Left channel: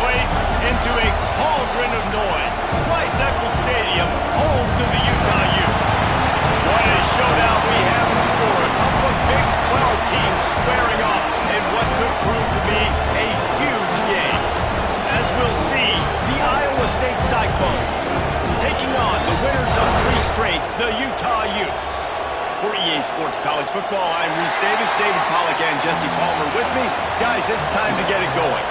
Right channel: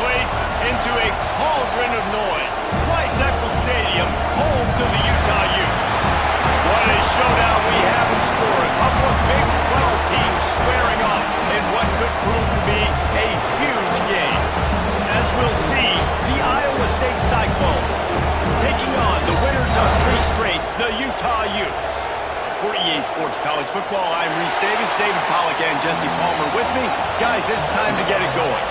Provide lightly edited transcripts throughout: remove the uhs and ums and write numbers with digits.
place into a cauldron of noise. Eccles Stadium, home to the Utah Utes. What a showdown we have in store. A couple of Big 12 teams squaring off in what could prove to be a huge game. As we'll see, the Iowa State Cyclones taking on the winners of 3 straight, the Utah Utes. For EA Sports College Football, I'm Reese Davis, David Pollack, and Jesse Palmer with me. Guys, it's time to get it going.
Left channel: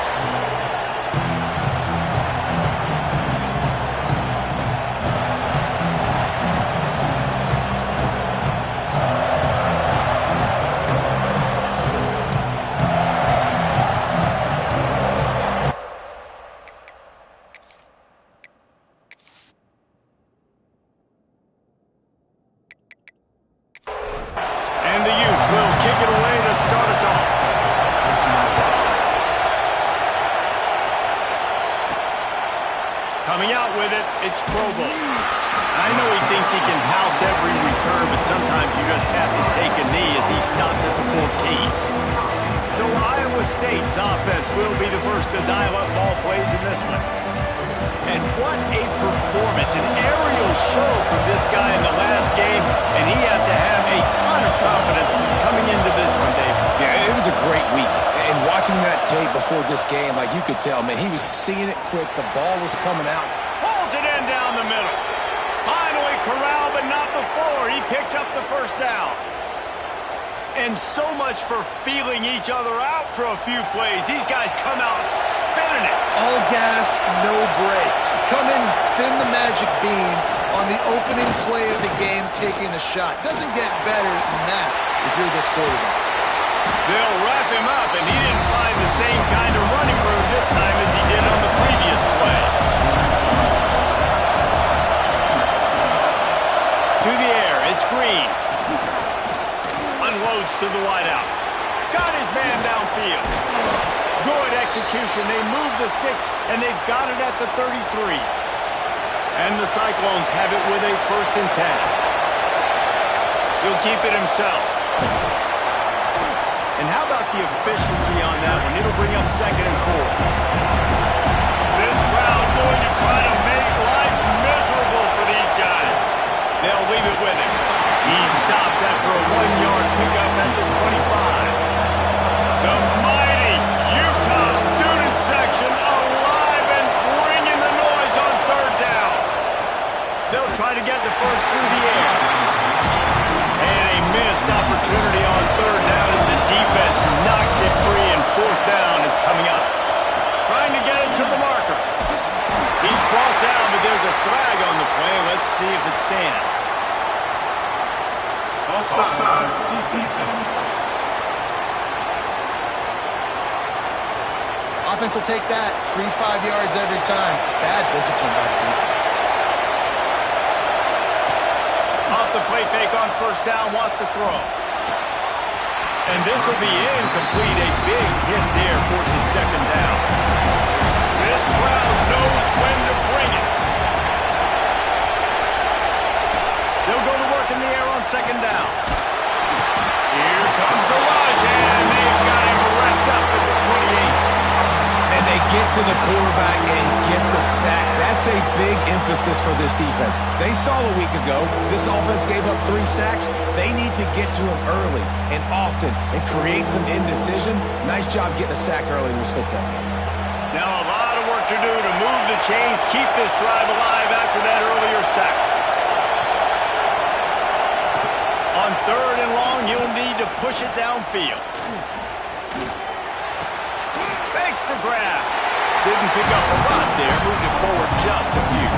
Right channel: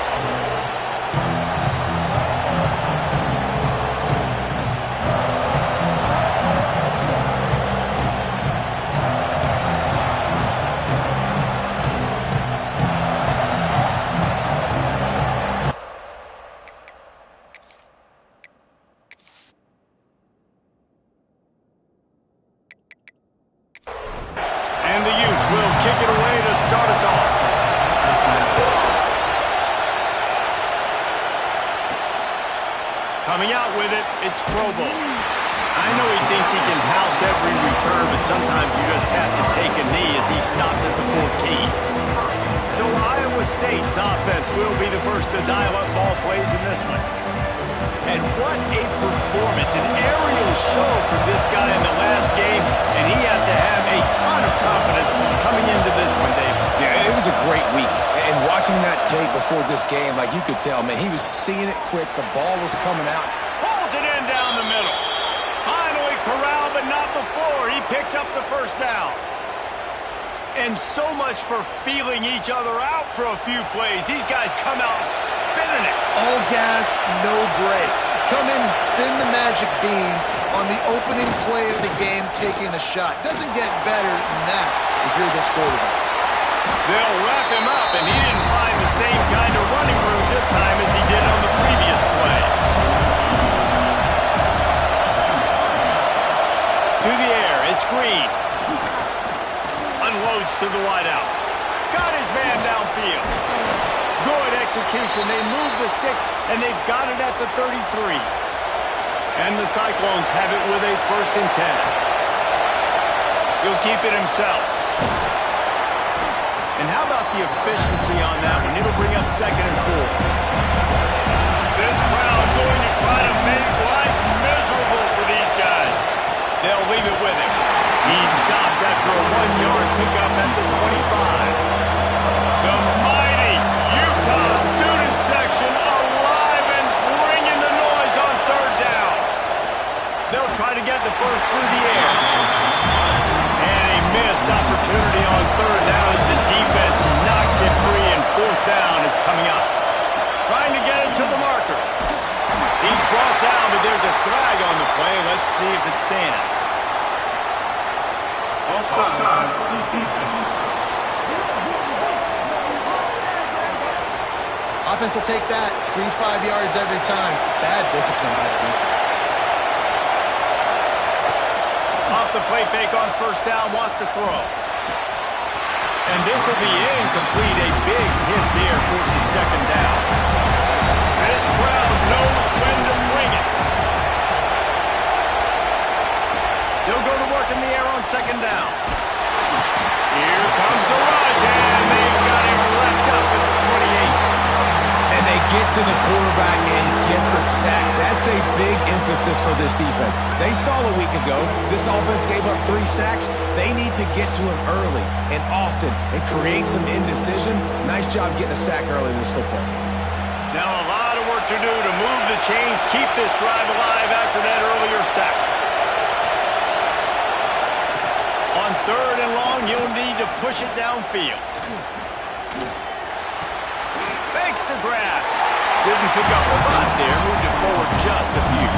And the Utes will kick it away to start us off. Coming out with it, it's Provo. I know he thinks he can house every return, but sometimes you just have to take a knee as he stopped at the 14. So Iowa State's offense will be the first to dial up ball plays in this one. And what a performance, an aerial show from this guy in the last game, and he has to have a ton of confidence coming into this one, Dave. Yeah, it was a great week. And watching that tape before this game, like you could tell, man, he was seeing it quick. The ball was coming out. Pulls it in down the middle. Finally corralled, but not before. He picked up the first down. And so much for feeling each other out for a few plays. These guys come out spinning it. All gas, no brakes. Come in and spin the magic bean on the opening play of the game, taking a shot. Doesn't get better than that if you're this quarterback. They'll wrap him up, and he didn't find the same kind of running room this time as he did on the previous play. To the air, it's Green. Unloads to the wideout. Got his man downfield. Good execution. They move the sticks, and they've got it at the 33. And the Cyclones have it with a 1st and 10. He'll keep it himself. And how about the efficiency on that one? It'll bring up 2nd and 4. This crowd going to try to make life miserable for these guys. They'll leave it with him. He's stopped after a 1-yard pickup at the 25. The mighty Utah student section alive and bringing the noise on 3rd down. They'll try to get the first through the air. And a missed opportunity on 3rd down as the defense knocks it free, and 4th down is coming up. Trying to get it to the marker. He's brought down, but there's a flag on the play. Let's see if it stands. Offside. Offense will take that. Free 5 yards every time. Bad discipline by the defense. Off the play fake on 1st down, wants to throw. And this will be incomplete. A big hit there forces 2nd down. This crowd knows when to bring it. They'll go to work in the air on 2nd down. Here comes the rush, and they've got him wrapped up at the 28. And they get to the quarterback and get the sack. That's a big emphasis for this defense. They saw a week ago this offense gave up 3 sacks. They need to get to him early and often and create some indecision. Nice job getting a sack early in this football game. Now a lot of work to do to move the chains, keep this drive alive after that earlier sack. On 3rd and long, he'll need to push it downfield. Makes the grab. Didn't pick up a lot there. Moved it forward just a few.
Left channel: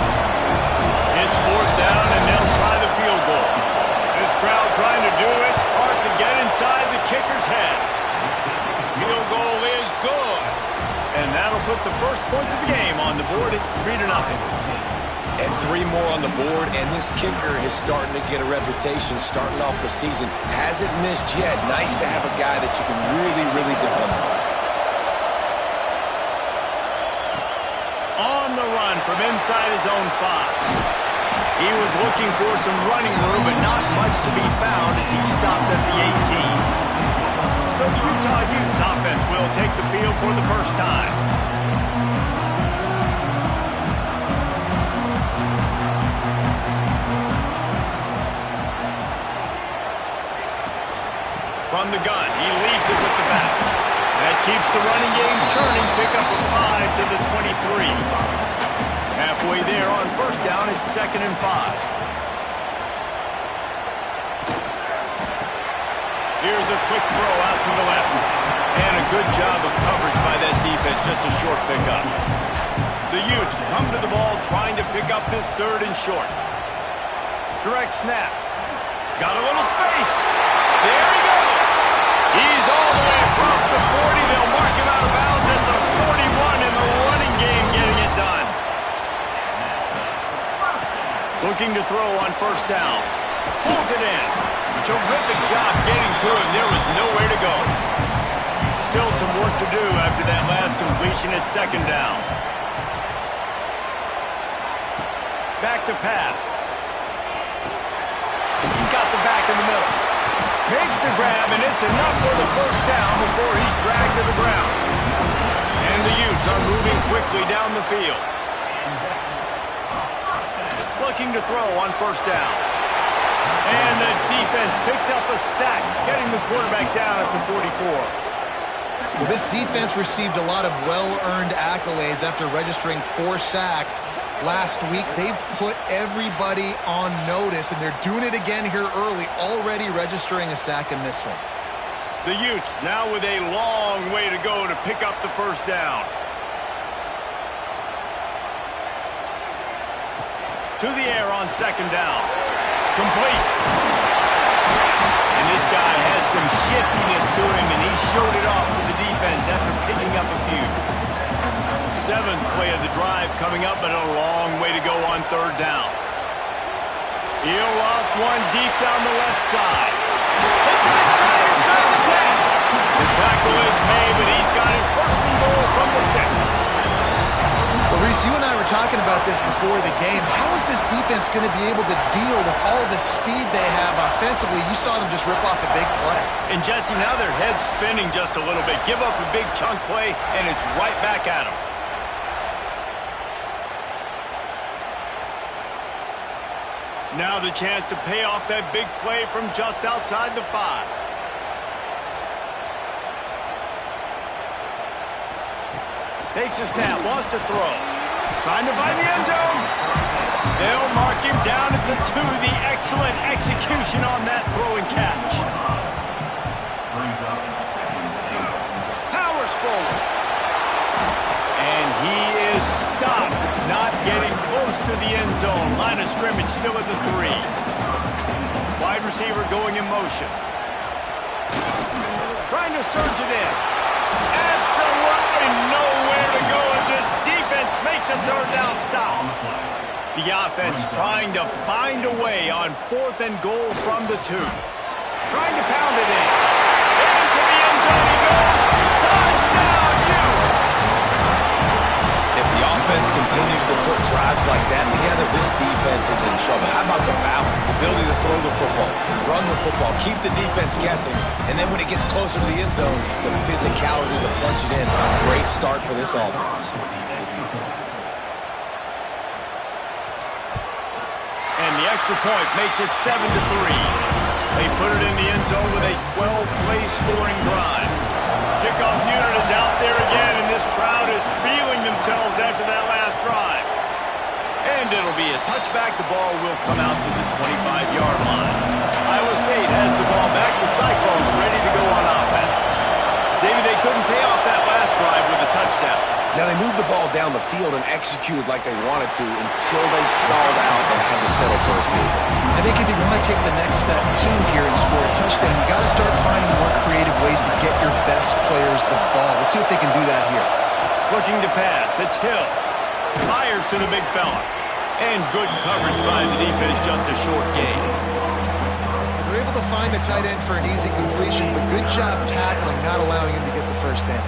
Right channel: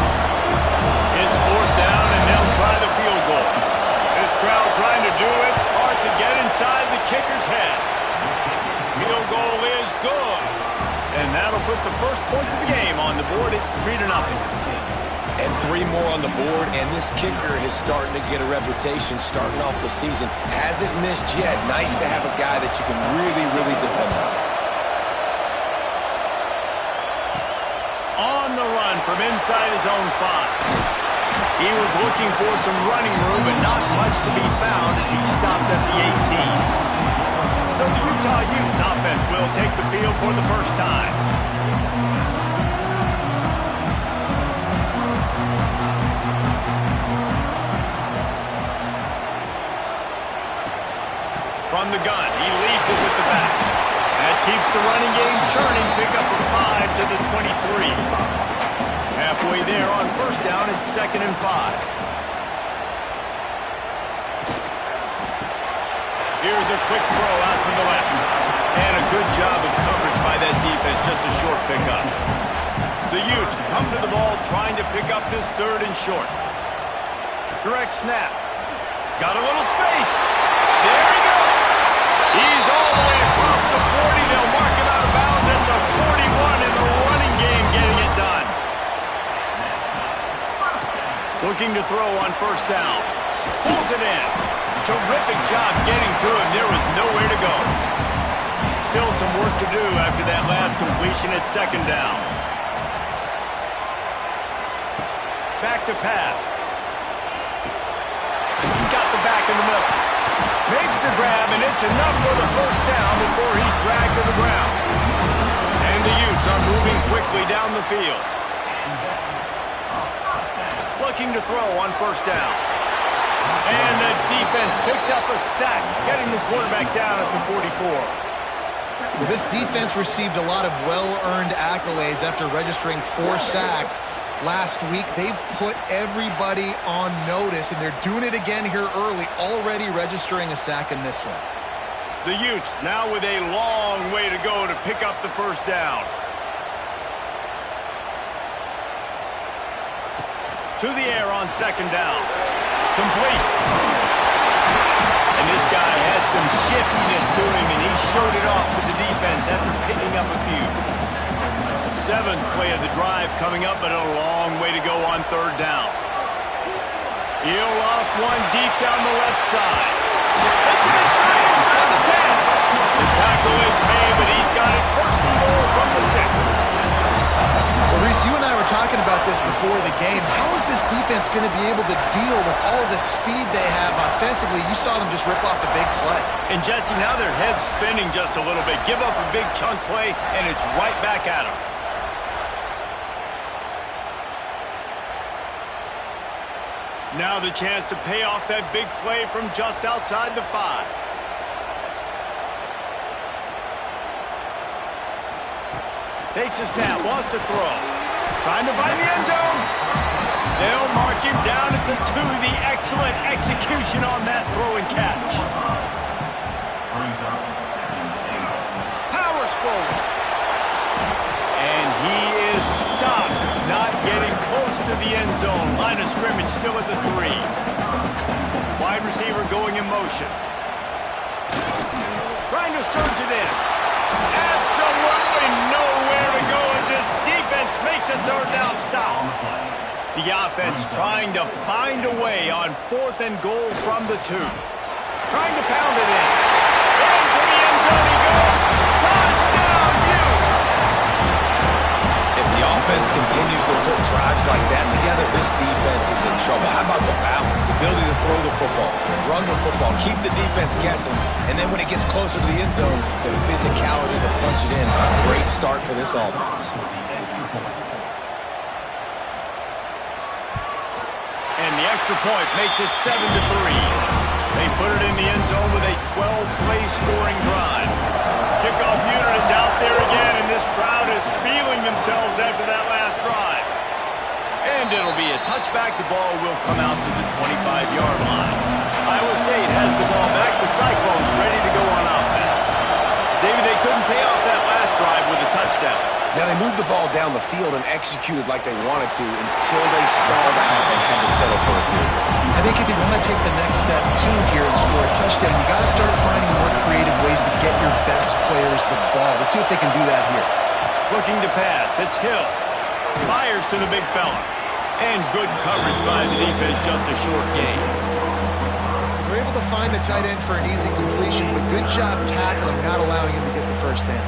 It's 4th down, and they'll try the field goal. This crowd trying to do its part to get inside the kicker's head. Field goal is good. And that'll put the first points of the game on the board. It's 3-0. And 3 more on the board, and this kicker is starting to get a reputation starting off the season. Hasn't missed yet. Nice to have a guy that you can really, really depend on. On the run from inside his own 5. He was looking for some running room, but not much to be found as he stopped at the 18. So the Utah Utes offense will take the field for the first time. From the gun, he leaves it with the back. That keeps the running game churning. Pickup of 5 to the 23. Halfway there on first down, it's 2nd and 5. Here's a quick throw out to the left. And a good job of coverage by that defense, just a short pickup. The Utes come to the ball trying to pick up this 3rd and short. Direct snap. Got a little space. There he goes. He's all the way across the 40. They'll mark him out of bounds at the 41 in the running game, getting it done. Looking to throw on first down. Pulls it in. Terrific job getting to him. There was nowhere to go. Still some work to do after that last completion at 2nd down. Back to pass. He's got the back in the middle. Makes the grab, and it's enough for the first down before he's dragged to the ground. And the Utes are moving quickly down the field. Looking to throw on first down. And the defense picks up a sack, getting the quarterback down at the 44. Well, this defense received a lot of well-earned accolades after registering 4 sacks last week. They've put everybody on notice, and they're doing it again here early, already registering a sack in this one. The Utes now with a long way to go to pick up the first down. To the air on 2nd down. Complete. And this guy has some shiftiness to him, and he showed it off to the defense after picking up a few. 7th play of the drive coming up, but a long way to go on 3rd down. He'll loft one deep down the left side. Hits him in stride inside the 10. The tackle is made, but he's got it 1st and goal from the 6. Well, Reese, you and I were talking about this before the game. How is this defense going to be able to deal with all the speed they have offensively? You saw them just rip off a big play. And, Jesse, now their head's spinning just a little bit. Give up a big chunk play, and it's right back at them. Now the chance to pay off that big play from just outside the 5. Takes a snap, wants to throw. Trying to find the end zone. They'll mark him down at the 2. The excellent execution on that throw and catch. Powers forward. And he is stopped, not getting close to the end zone. Line of scrimmage still at the 3. Wide receiver going in motion. Trying to surge it in. Absolutely nowhere to go as this defense makes a 3rd down stop. The offense trying to find a way on 4th and goal from the 2. Trying to pound it in. Into the end zone he goes. Touchdown, Utes! If the offense continues to put drives like that together, this defense is in trouble. How about the balance, the ability to throw the football, run the football, keep the defense guessing, and then when it gets closer to the end zone, the physicality to punch it in. Great start for this offense. And the extra point makes it 7-3. They put it in the end zone with a 12-play scoring drive. Kickoff unit is out there again, and this crowd is feeling themselves after that last drive. And it'll be a touchback. The ball will come out to the 25-yard line. Iowa State has the ball back. The Cyclones ready to go on offense. David, they couldn't pay off that last drive with a touchdown. Now they moved the ball down the field and executed like they wanted to until they stalled out and had to settle for a field goal. I think if you want to take the next step, too, here and score a touchdown, you got to start finding more creative ways to get your best players the ball. Let's see if they can do that here. Looking to pass. It's Hill. Fires to the big fella. And good coverage by the defense, just a short gain. They're able to find the tight end for an easy completion, but good job tackling, not allowing him to get the first down.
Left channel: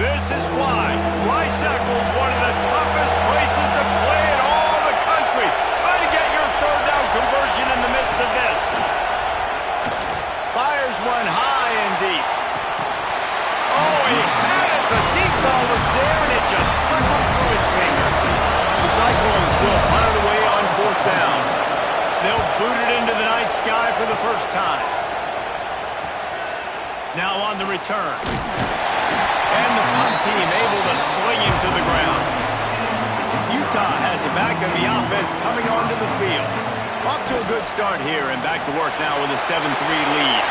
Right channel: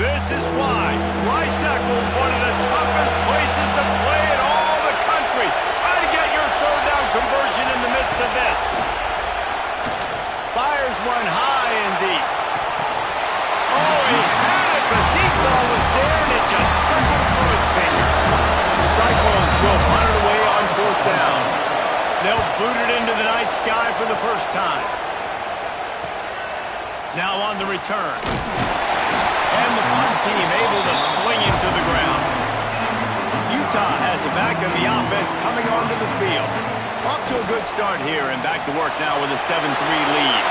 This is why Rice-Eccles, one of the toughest places to play in all the country. Try to get your 3rd down conversion in the midst of this. Fires one high and deep. Oh, he had it. The deep ball was there, and it just trickled through his fingers. The Cyclones will punt it away on 4th down. They'll boot it into the night sky for the first time. Now on the return. And the punt team able to sling him to the ground. Utah has it back, and the offense coming onto the field. Off to a good start here, and back to work now with a 7-3 lead.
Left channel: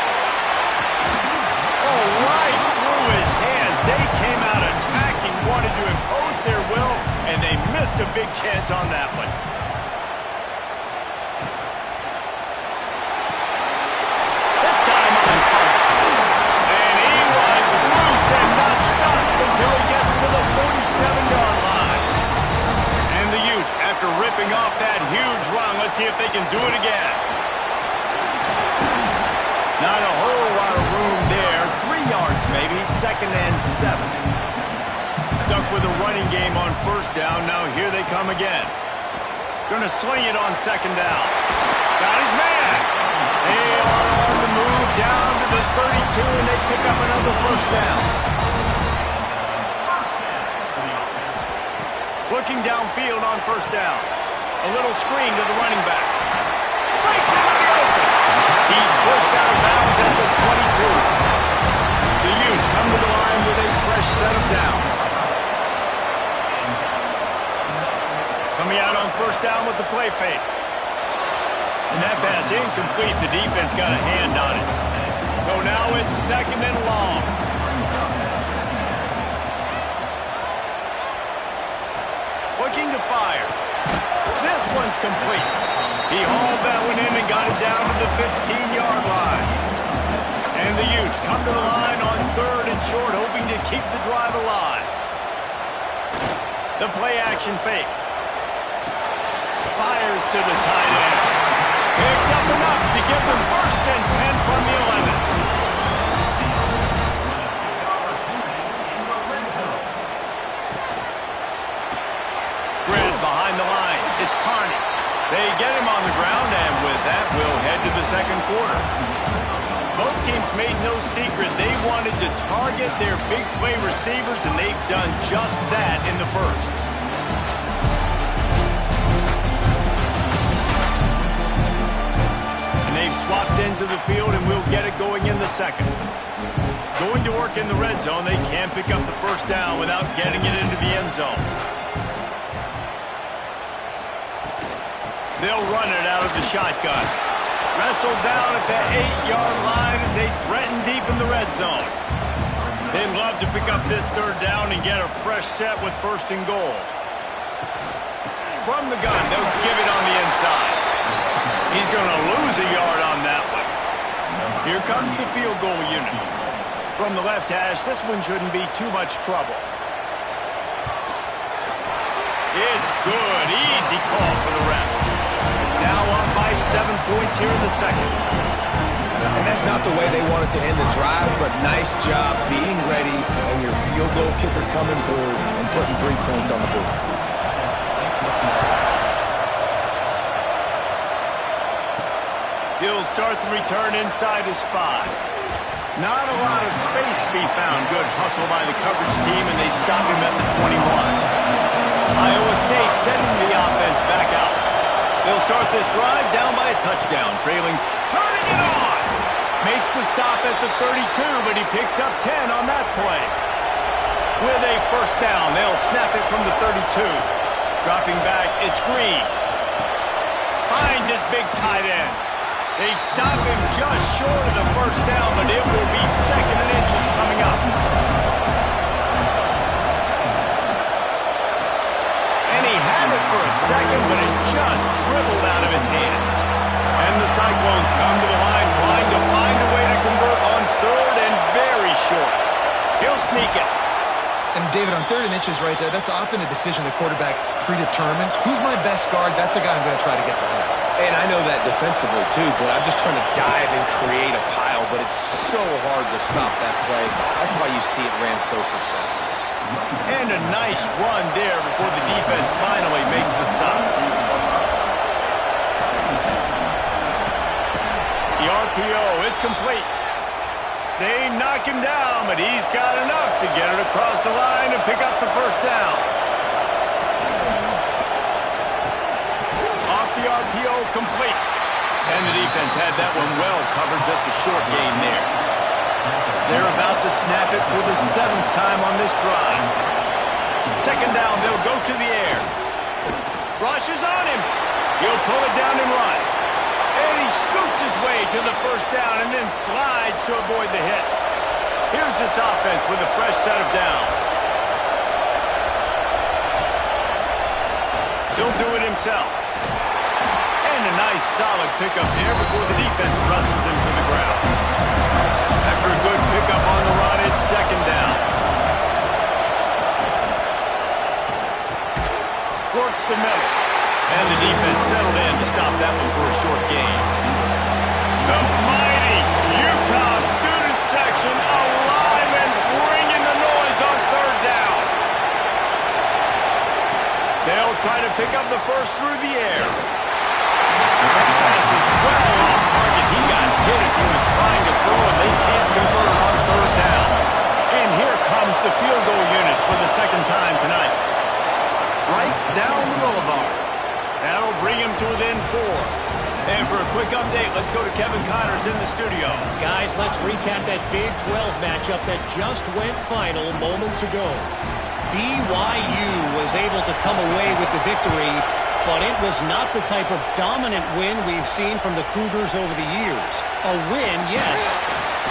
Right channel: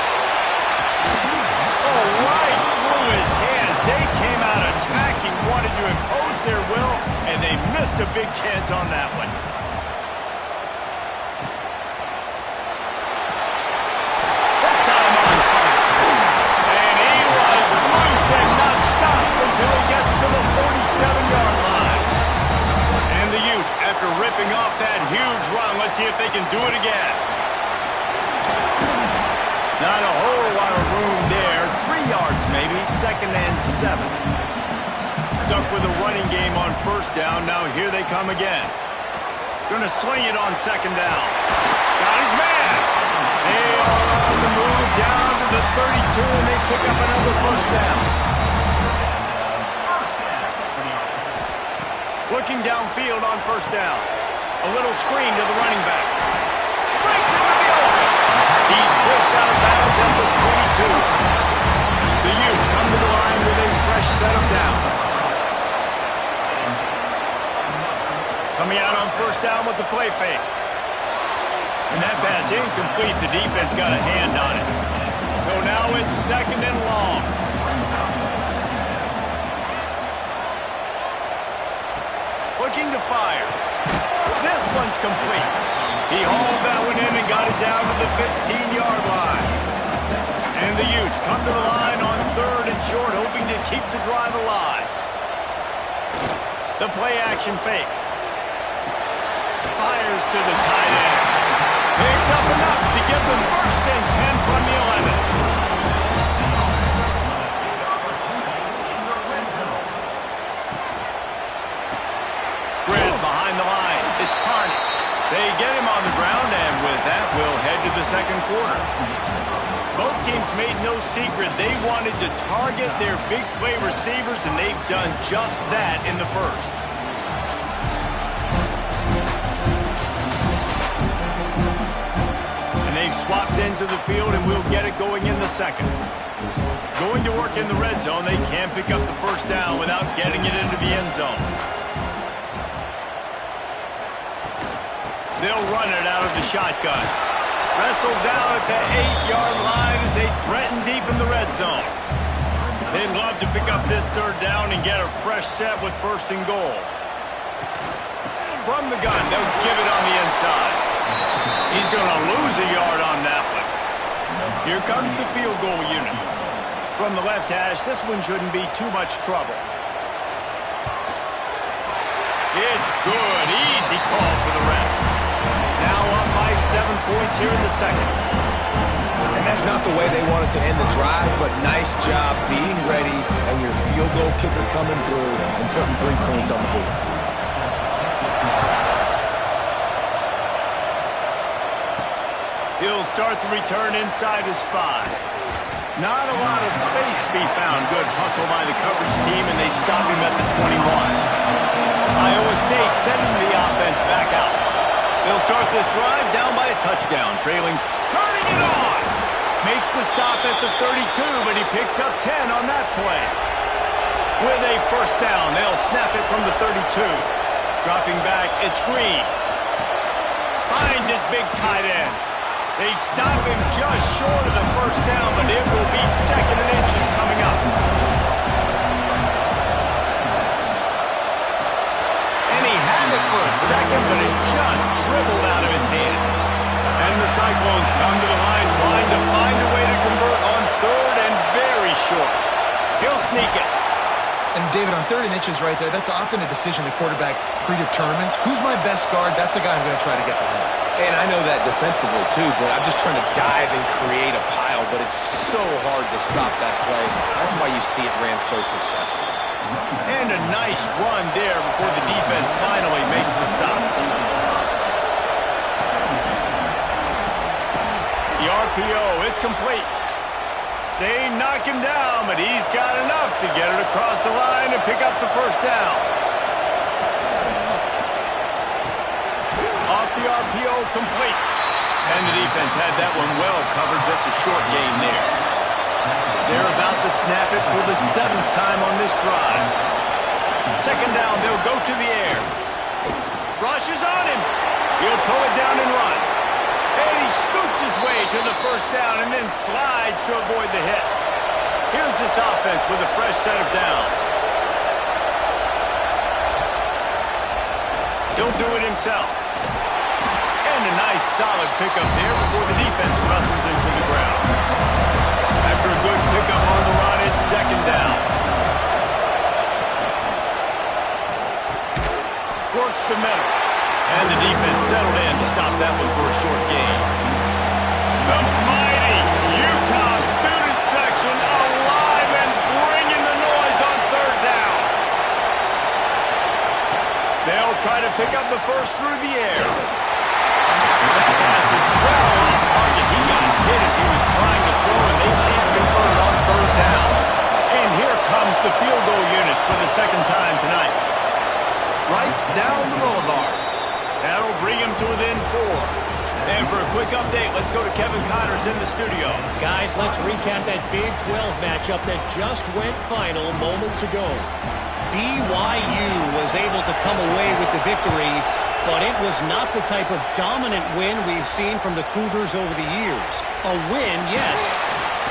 Oh, right through his hands. They came out attacking, wanted to impose their will, and they missed a big chance on that one. This time on target. And he was loose and not stopped until he gets to the 47-yard line. And the Utes, after ripping off that huge run, let's see if they can do it again. Not a whole lot of room there. 3 yards maybe, 2nd and 7. Stuck with a running game on first down. Now here they come again. Going to sling it on 2nd down. Got his man. They are on the move down to the 32, and they pick up another first down. Looking downfield on first down. A little screen to the running back. Breaks into the open. He's pushed out of bounds at the 22. The Utes come to the line with a fresh set of downs. Coming out on first down with the play fake. And that pass incomplete. The defense got a hand on it. So now it's 2nd and long. Looking to fire. This one's complete. He hauled that one in and got it down to the 15-yard line. And the Utes come to the line on 3rd and short, hoping to keep the drive alive. The play-action fake. Fires to the tight end. Picks up enough to give them 1st and 10 from the 11. Grid behind the line. It's Carney. They get him on the ground, and with that, we'll head to the 2nd quarter. Both teams made no secret they wanted to target their big play receivers, and they've done just that in the first. And they've swapped into the field, and we'll get it going in the 2nd. Going to work in the red zone, they can't pick up the first down without getting it into the end zone. They'll run it out of the shotgun. Wrestled down at the 8-yard line as they threaten deep in the red zone. They'd love to pick up this 3rd down and get a fresh set with 1st and goal. From the gun, they'll give it on the inside. He's going to lose a yard on that one. Here comes the field goal unit. From the left hash, this one shouldn't be too much trouble. It's good. Easy call for the refs. Now up by 7 points here in the 2nd. And that's not the way they wanted to end the drive, but nice job being ready and your field goal kicker coming through and putting 3 points on the board. He'll start the return inside his 5. Not a lot of space to be found. Good hustle by the coverage team, and they stop him at the 21. Iowa State sending the offense back out. They'll start this drive down by a touchdown, trailing, turning it on. Makes the stop at the 32, but he picks up 10 on that play. With a first down, they'll snap it from the 32. Dropping back, it's Green. Finds his big tight end. They stop him just short of the first down, but it will be 2nd and inches coming up. And he had it for a second, but it just dribbled out of his hands. And the Cyclones come to the line trying to find a way to convert on 3rd and very short. He'll sneak it. And David, on 3rd and inches right there, that's often a decision the quarterback predetermines. Who's my best guard? That's the guy I'm going to try to get behind. And I know that defensively, too, but I'm just trying to dive and create a pile, but it's so hard to stop that play. That's why you see it ran so successfully. And a nice run there before the defense finally makes the stop. The RPO, it's complete. They knock him down, but he's got enough to get it across the line and pick up the first down. Off off the RPO, complete. And the defense had that one well covered, just a short gain there. They're about to snap it for the 7th time on this drive. Second down, they'll go to the air. Rush is on him. He'll pull it down and run. And he scoots his way to the first down and then slides to avoid the hit. Here's this offense with a fresh set of downs. He'll do it himself. And a nice solid pickup there before the defense wrestles him to the ground. After a good pickup on the run, it's second down. Works the middle. And the defense settled in to stop that one for a short gain. The mighty Utah student section alive and bringing the noise on third down. They'll try to pick up the first through the air. That pass is well off target. He got hit as he was trying to throw, and they can't convert on third down. And here comes the field goal unit for the second time tonight. Right down the boulevard. That'll bring him to within 4. And for a quick update, let's go to Kevin Connors in the studio. Guys, let's recap that Big 12 matchup that just went final moments ago. BYU was able to come away with the victory, but it was not the type of dominant win we've seen from the Cougars over the years. A win, yes,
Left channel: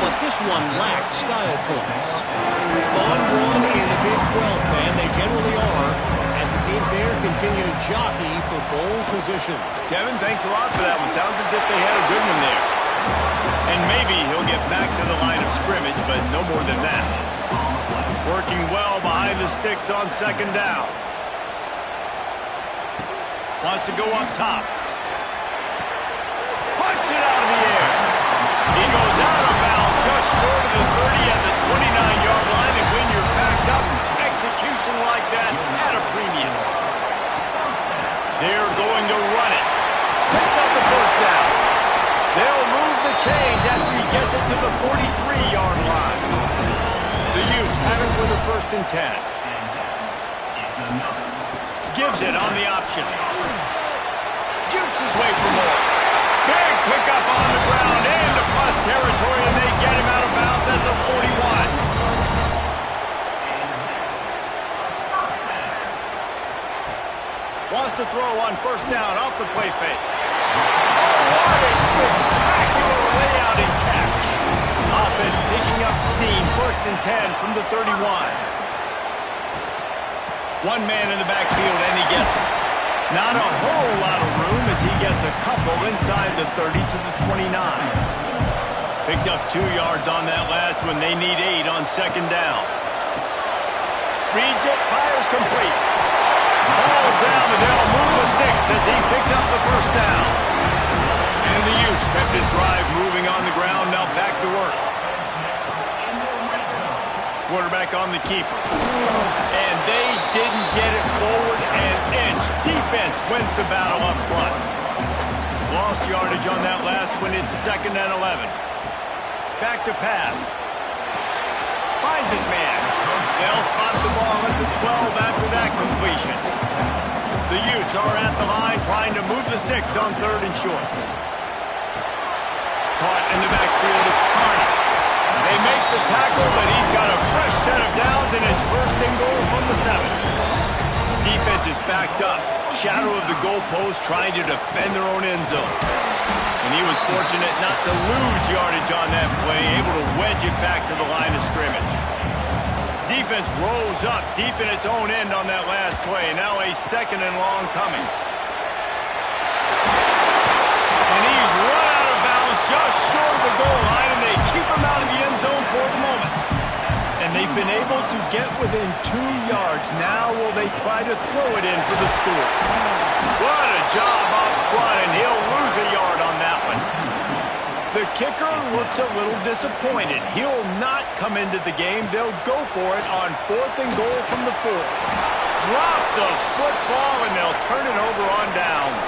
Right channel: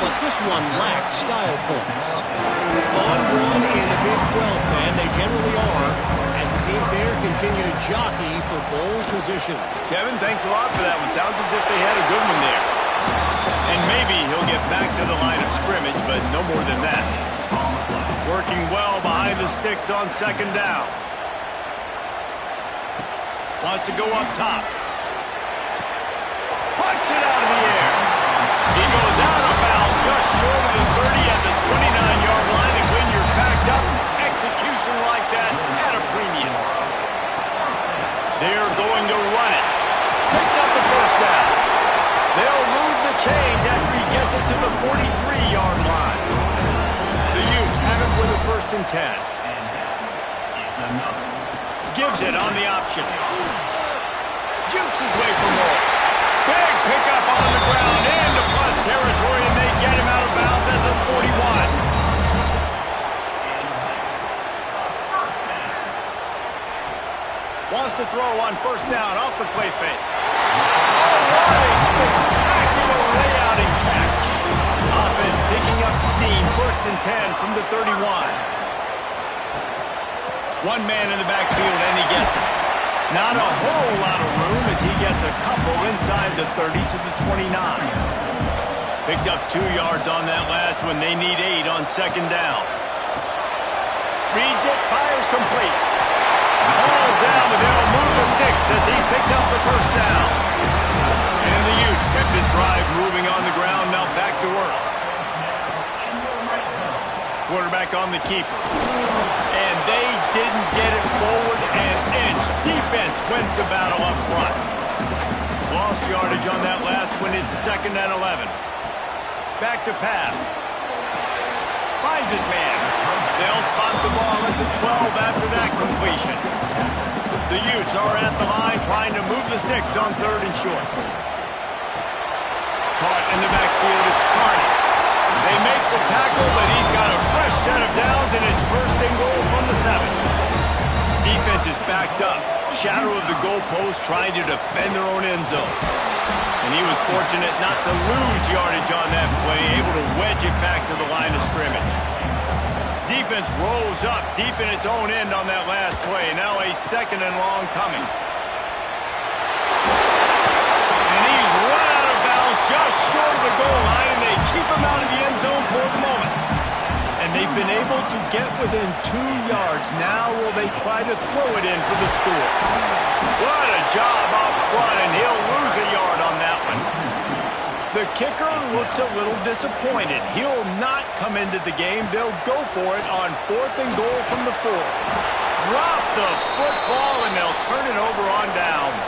but this one lacked style points. Fun run in the Big 12, man. They generally are, as the teams there continue to jockey for bowl position. Kevin, thanks a lot for that one. Sounds as if they had a good one there. And maybe he'll get back to the line of scrimmage, but no more than that. Working well behind the sticks on second down. Wants to go up top. Puts it out of the air. He goes out of bounds just short of the 30 at the 29-yard line. And when you're backed up, execution like that at a premium. They're going to run it. Picks up the first down. They'll move the chains after he gets it to the 43-yard line. The Utes have it for the 1st and 10. Gives it on the option. Jukes his way for more. Big pickup on the ground into plus territory, and they get him out of bounds at the 41. Wants to throw on first down off the play fake. Oh, what a spectacular layout and catch. Offense picking up steam, 1st and 10 from the 31. One man in the backfield, and he gets it. Not a whole lot of room as he gets a couple inside the 30 to the 29. Picked up 2 yards on that last one. They need 8 on second down. Reads it, fires complete. Ball down, but they'll move the sticks as he picks up the first down. And the Utes kept this drive moving on the ground, now back to work. Quarterback on the keeper. And they didn't get it forward an inch. Defense wins the battle up front. Lost yardage on that last one. It's 2nd and 11. Back to pass. Finds his man. They'll spot the ball at the 12 after that completion. The Utes are at the line trying to move the sticks on 3rd and short. Caught in the backfield, it's Carney. They make the tackle, but he's got a fresh set of downs, and it's 1st and goal from the 7. Defense is backed up. Shadow of the goalpost trying to defend their own end zone. And he was fortunate not to lose yardage on that play, able to wedge it back to the line of scrimmage. Defense rose up deep in its own end on that last play. Now a 2nd and long coming. And he's run out of bounds just short of the goal line, and they keep him out of the end zone for the moment. And they've been able to get within 2 yards. Now will they try to throw it in for the score? What a job up front, and he'll lose a yard on that one. The kicker looks a little disappointed. He'll not come into the game. They'll go for it on 4th and goal from the 4. Drop the football, and they'll turn it over on downs.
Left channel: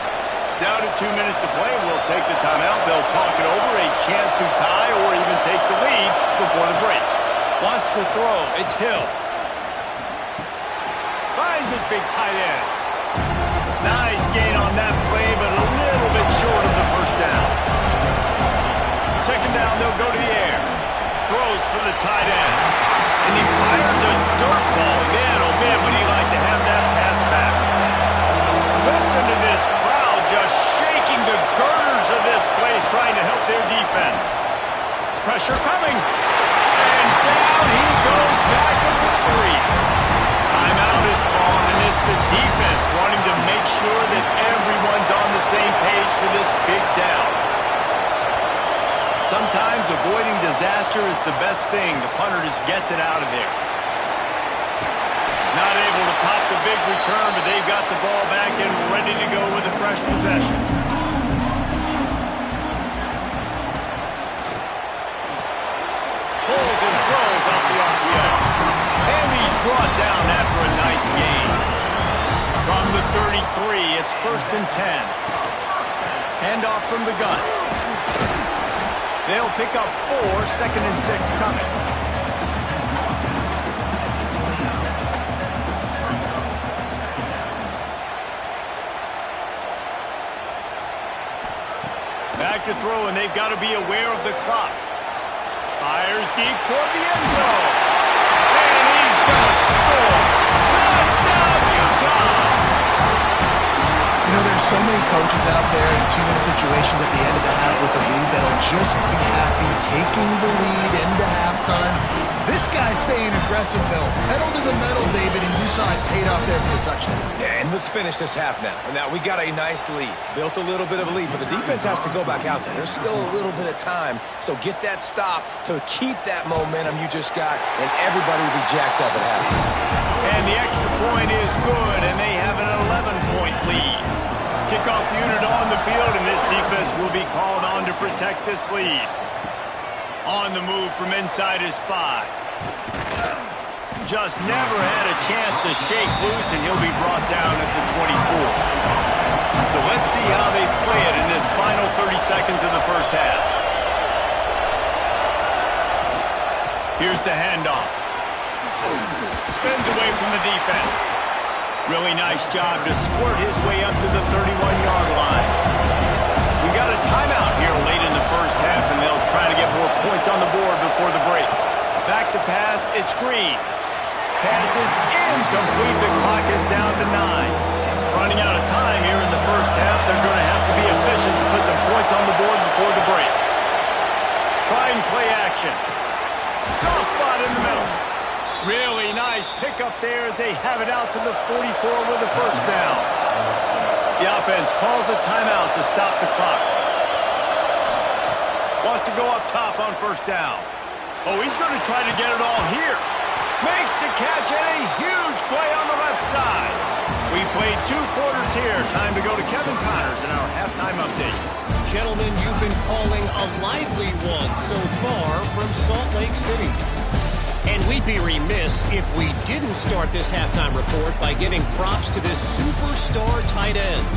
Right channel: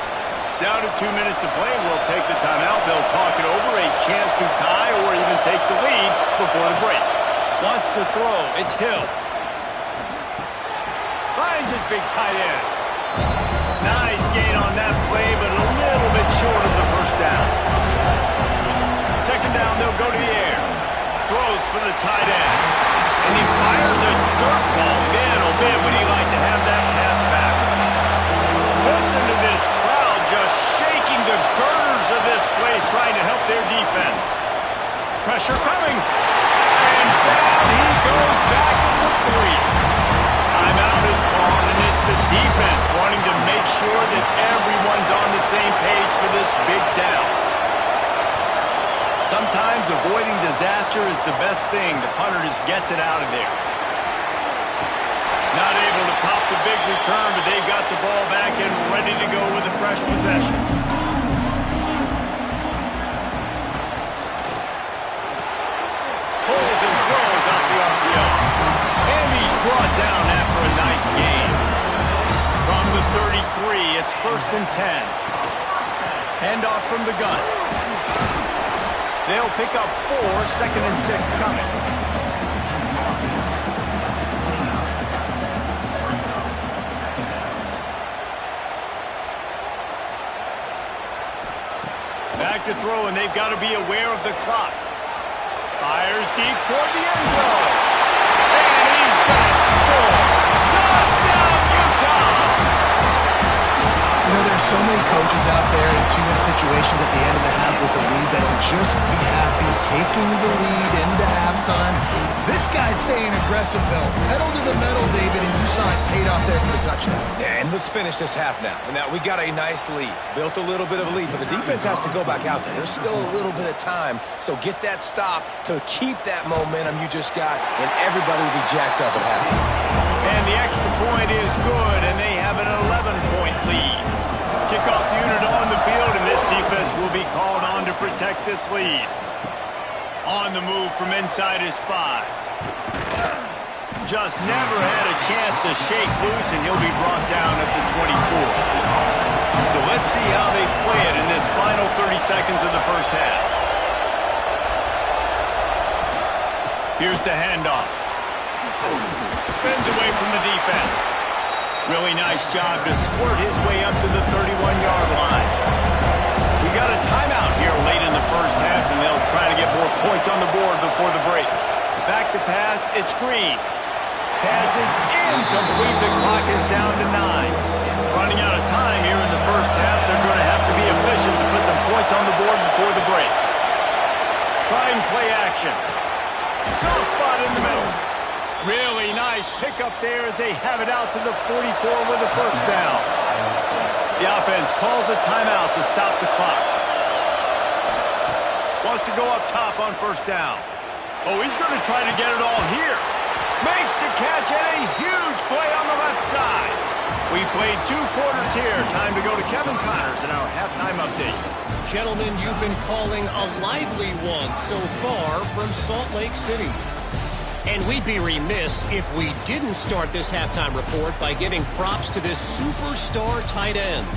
Down to 2 minutes to play, and we'll take the timeout. They'll talk it over, a chance to tie or even take the lead before the break. Wants to throw. It's Hill. Finds his big tight end. Nice gain on that play, but a little bit short of the first down. Second down, they'll go to the air. Throws for the tight end. And he fires a dirt ball. Man, oh man, would he like to have that pass back. Listen to this crowd just shaking the girders of this place, trying to help their defense. Pressure coming. And down he goes back at the 3. Timeout is called, and it's the defense wanting to make sure that everyone's on the same page for this big down. Sometimes avoiding disaster is the best thing. The punter just gets it out of there. Not able to pop the big return, but they've got the ball back and ready to go with a fresh possession. Pulls and throws out the RPO. And he's brought down after a nice gain. From the 33, it's 1st and 10. Handoff from the gun. They'll pick up 4, 2nd and 6 coming. Back to throw, and they've got to be aware of the clock. Fires deep toward the end zone. And he's going to score. Touchdown, Utah! You know, there's so many coaches out there in 2-minute situations at the end of the half with the lead that'll just be happy taking the lead into halftime. This guy's staying aggressive, though. Pedal to the metal, David, and you saw it paid off there for the touchdown. Yeah, and let's finish this half now. And now we got a nice lead. Built a little bit of a lead, but the defense has to go back out there. There's still a little bit of time, so get that stop to keep that momentum you just got, and everybody will be jacked up at halftime. And the extra point is good, and they have an 11-point lead. Kickoff unit on the field, and this defense will be called on to protect this lead. On the move from inside his 5. Just never had a chance to shake loose, and he'll be brought down at the 24. So let's see how they play it in this final 30 seconds of the first half. Here's the handoff. Spins away from the defense. Really nice job to squirt his way up to the 31-yard line. We got a timeout here late in the first half, and they'll try to get more points on the board before the break. Back to pass, it's Green. Pass is incomplete. The clock is down to 9. Running out of time here in the first half. They're going to have to be efficient to put some points on the board before the break. Trying play action. Soft spot in the middle. Really nice pickup there as they have it out to the 44 with a first down. The offense calls a timeout to stop the clock. Wants to go up top on first down. Oh, he's going to try to get it all here. Makes the catch and a huge play on the left side. We played 2 quarters here. Time to go to Kevin Connors in our halftime update. Gentlemen, you've been calling a lively one so far from Salt Lake City. And we'd be remiss if we didn't start this halftime report by giving props to this superstar tight end.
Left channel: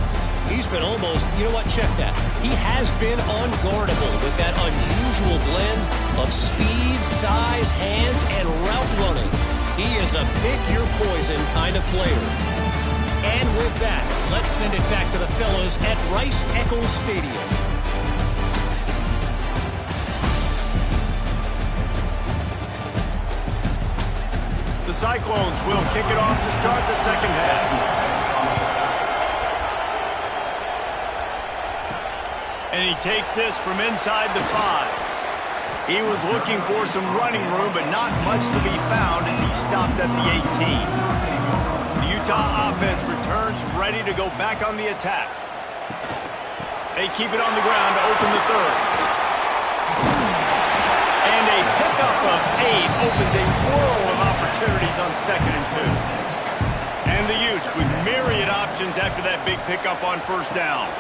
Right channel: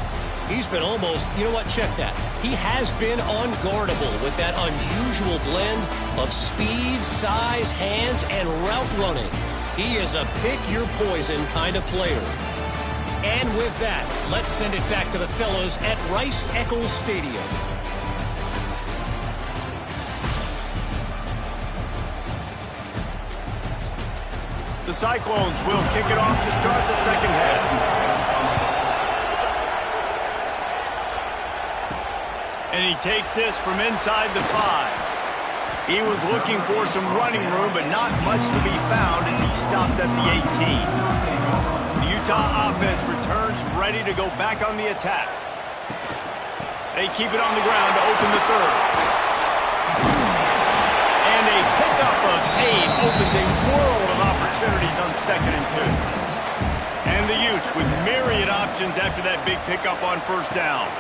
He's been almost, you know what, check that. He has been unguardable with that unusual blend of speed, size, hands, and route running. He is a pick-your-poison kind of player. And with that, let's send it back to the fellas at Rice-Eccles Stadium. The Cyclones will kick it off to start the second half. And he takes this from inside the 5. He was looking for some running room, but not much to be found as he stopped at the 18. The Utah offense returns ready to go back on the attack. They keep it on the ground to open the 3rd. And a pickup of 8 opens a world of opportunities on 2nd and 2. And the Utes with myriad options after that big pickup on first down.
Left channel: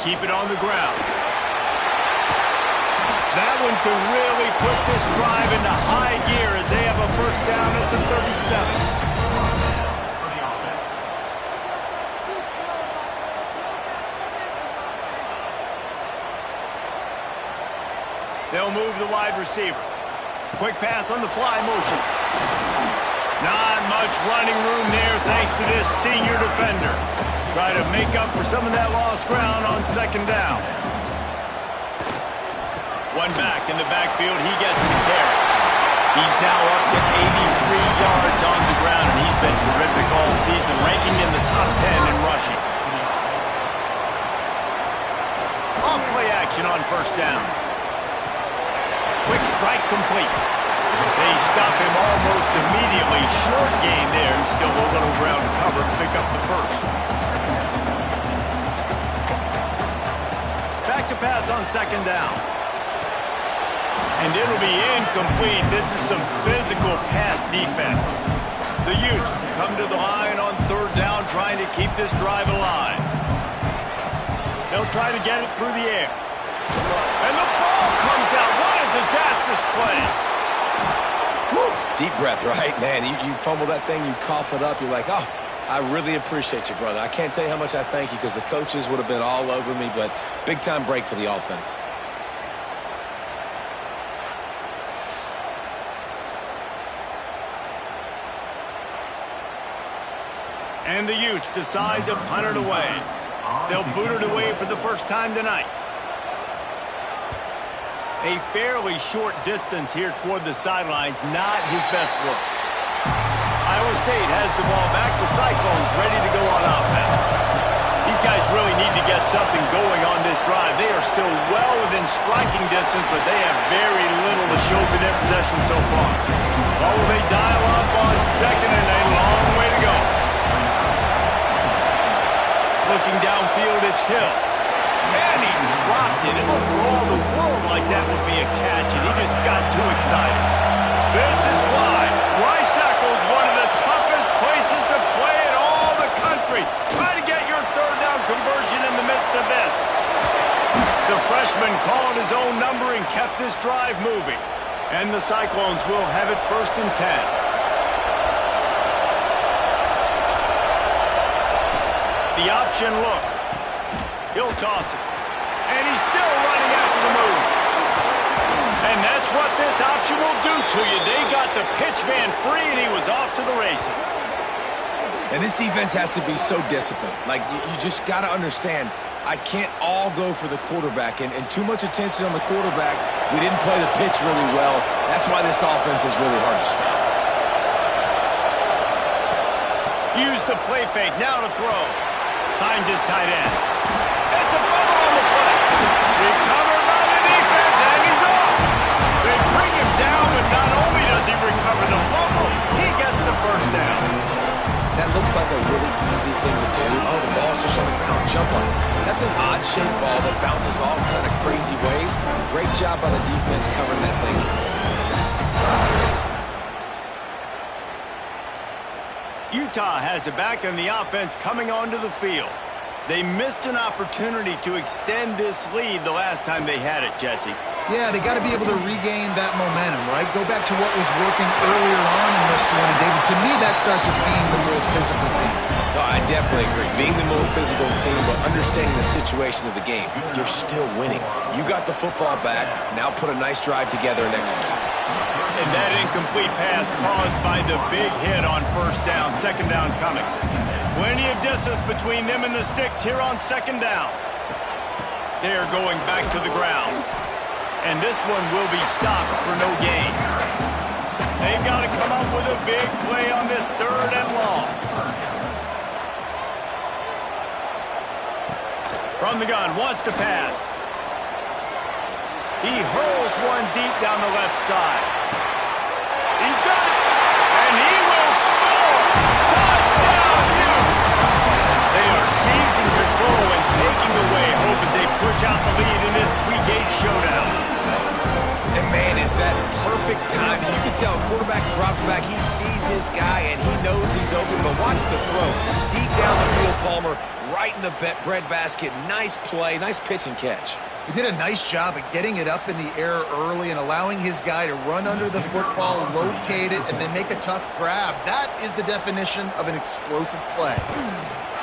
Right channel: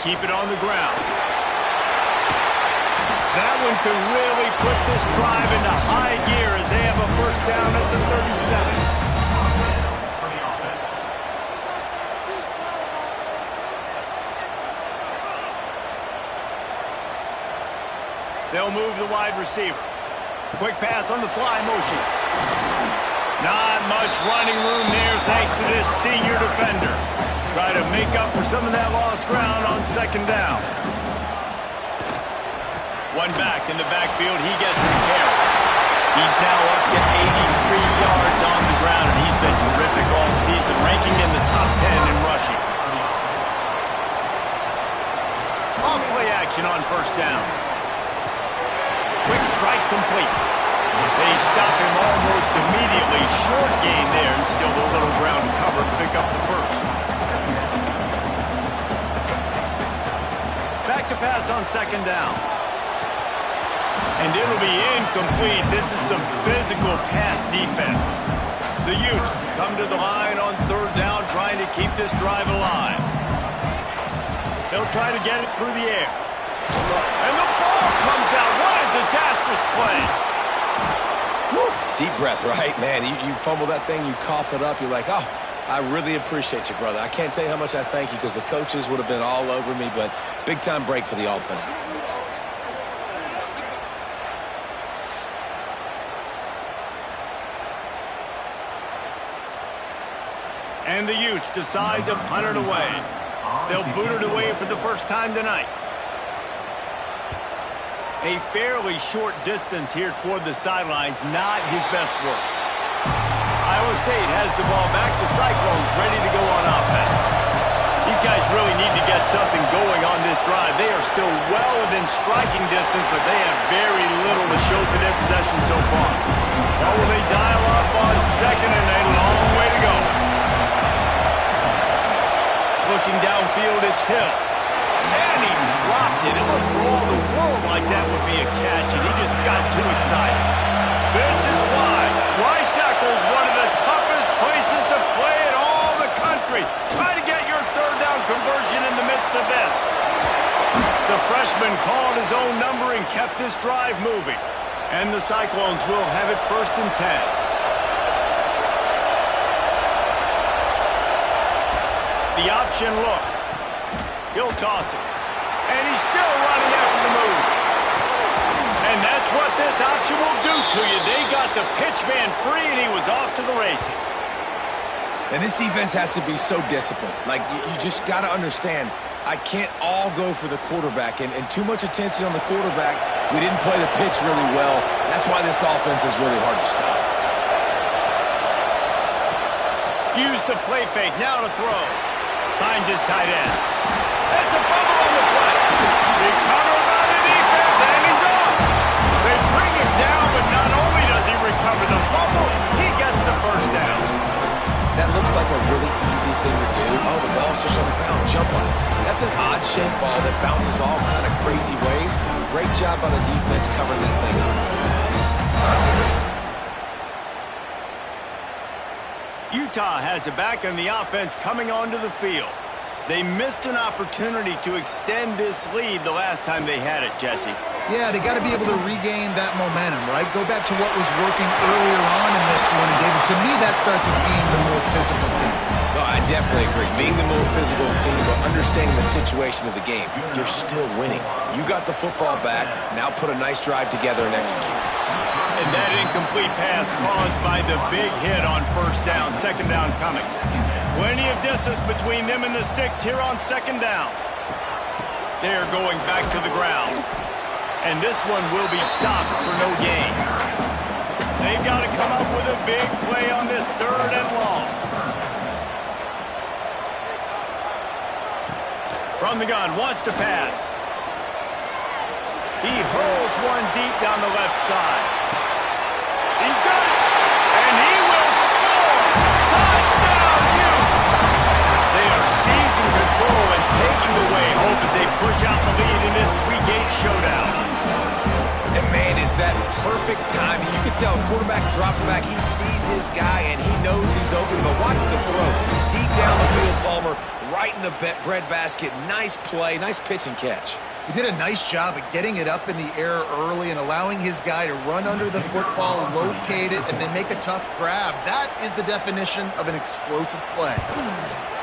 Keep it on the ground. That one could really put this drive into high gear as they have a first down at the 37. They'll move the wide receiver. Quick pass on the fly motion. Not much running room there thanks to this senior defender. Try to make up for some of that lost ground on second down. One back in the backfield. He gets the carry. He's now up to 83 yards on the ground, and he's been terrific all season, ranking in the top 10 in rushing. Off play action on first down. Quick strike complete. They stop him almost immediately. Short gain there, and still a little ground to cover to pick up the first. Back to pass on second down. And it'll be incomplete. This is some physical pass defense. The Utes come to the line on third down, trying to keep this drive alive. They'll try to get it through the air. And the ball comes out. What a disastrous play. Woo. Deep breath, right? Man, you fumble that thing, you cough it up, you're like, oh, I really appreciate you, brother. I can't tell you how much I thank you because the coaches would have been all over me, but big-time break for the offense. And the Utes decide to punt it away. They'll boot it away for the first time tonight. A fairly short distance here toward the sidelines, not his best work. Iowa State has the ball back. The Cyclones ready to go on offense. These guys really need to get something going on this drive. They are still well within striking distance, but they have very little to show for their possession so far. Well, will they dial up on second and a long way to go? Looking downfield, it's Hill. And he dropped it. It looked for all the world like that would be a catch, and he just got too excited. This is why Rice-Eccles, one of the toughest places to play in all the country. Try to get your third down conversion in the midst of this. The freshman called his own number and kept this drive moving. And the Cyclones will have it 1st and 10. The option look. He'll toss it. And he's still running after the move. And that's what this option will do to you. They got the pitch man free, and he was off to the races. And this defense has to be so disciplined. Like, you just got to understand, I can't all go for the quarterback. And too much attention on the quarterback. We didn't play the pitch really well. That's why this offense is really hard to stop. Use the play fake. Now to throw. Finds his tight end. It's a fumble on the play. Recovered by the defense, and he's off. They bring him down, but not only does he recover the fumble, he gets the first down. That looks like a really easy thing to do. Oh, the ball's just on the ground. Jump on it. That's an odd-shaped ball that bounces all kind of crazy ways. Great job by the defense covering that thing up. Utah has it back, and the offense coming onto the field. They missed an opportunity to extend this lead the last time they had it, Jesse. Yeah, they got to be able to regain that momentum, right? Go back to what was working earlier on in this one. And, David, to me, that starts with being the more physical team. No, I definitely agree. Being the more physical team, but understanding the situation of the game. You're still winning. You got the football back. Now put a nice drive together and execute. And that incomplete pass caused by the big hit on first down. Second down coming. Plenty of distance between them and the sticks here on second down. They're going back to the ground. And this one will be stopped for no gain. They've got to come up with a big play on this third and long. From the gun, wants to pass. He hurls one deep down the left side. He's got it. And he will score. Touchdown, Utes. They are seizing control and taking away hope as they push out the lead in this Week 8 showdown. And, man, is that perfect timing. You can tell quarterback drops back. He sees his guy, and he knows he's open. But watch the throw. Deep down the field, Palmer, right in the bread basket. Nice play, nice pitch and catch. He did a nice job at getting it up in the air early and allowing his guy to run under the football, locate it, and then make a tough grab. That is the definition of an explosive play.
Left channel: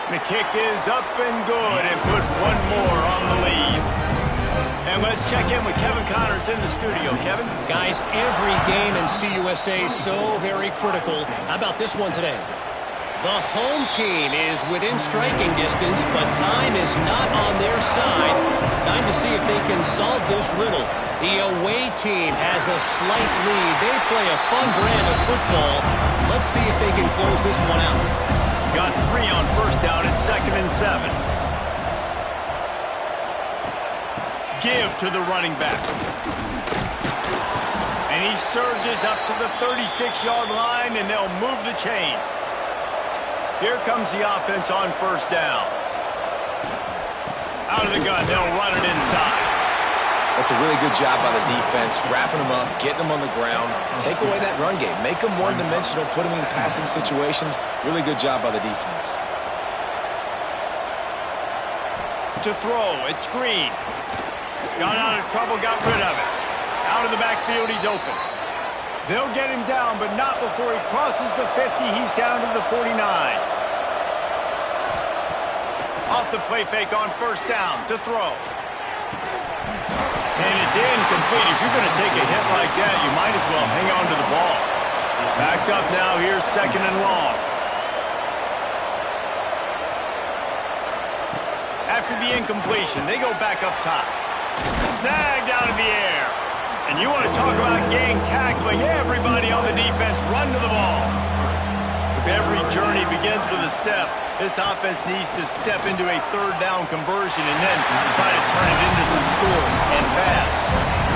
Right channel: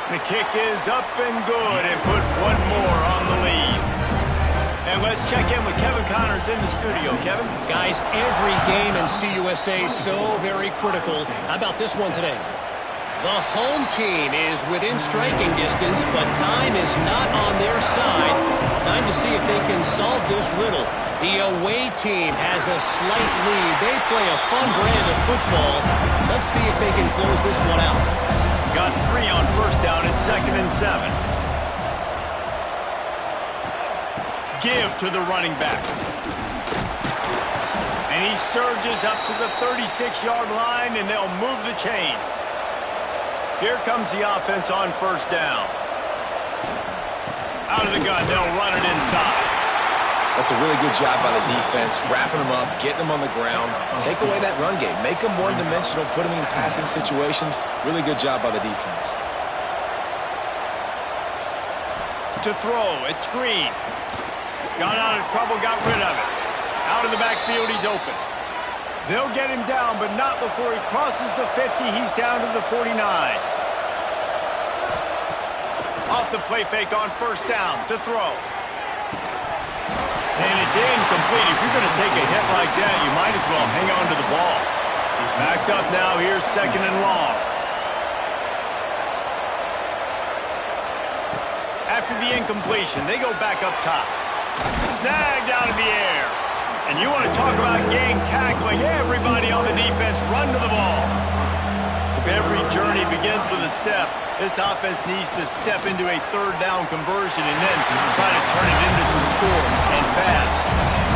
The kick is up and good, and put one more on the lead. And let's check in with Kevin Connors in the studio. Kevin? Guys, every game in CUSA is so very critical. How about this one today? The home team is within striking distance, but time is not on their side. Time to see if they can solve this riddle. The away team has a slight lead. They play a fun brand of football. Let's see if they can close this one out. Got 3 on first down and 2nd and 7. Give to the running back. And he surges up to the 36-yard line, and they'll move the chains. Here comes the offense on first down. Out of the gun, they'll run it inside. That's a really good job by the defense, wrapping them up, getting them on the ground. Take away that run game. Make them one-dimensional, put them in passing situations. Really good job by the defense. To throw, it's Green. Got out of trouble, got rid of it. Out of the backfield, he's open. They'll get him down, but not before he crosses the 50. He's down to the 49. Off the play fake on first down to throw. And it's incomplete. If you're going to take a hit like that, you might as well hang on to the ball. Backed up now. Here's 2nd and long. After the incompletion, they go back up top. Snagged out of the air. And you want to talk about gang tackling. Everybody on the defense run to the ball. If every journey begins with a step, this offense needs to step into a 3rd down conversion and then try to turn it into some scores, and fast.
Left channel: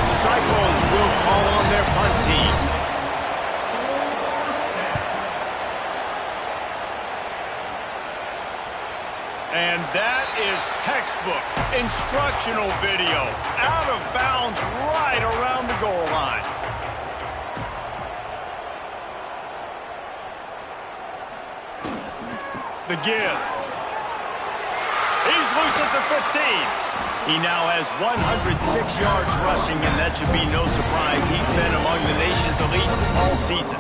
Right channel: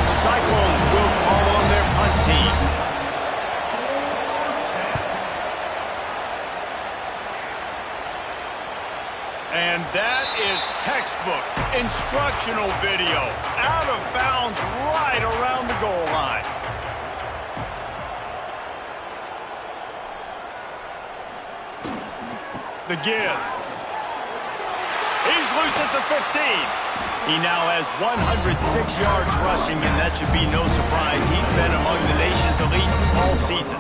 The Cyclones will call on their punt team. And that is textbook instructional video. Out of bounds right around the goal line. The give. He's loose at the 15. He now has 106 yards rushing, and that should be no surprise. He's been among the nation's elite all season.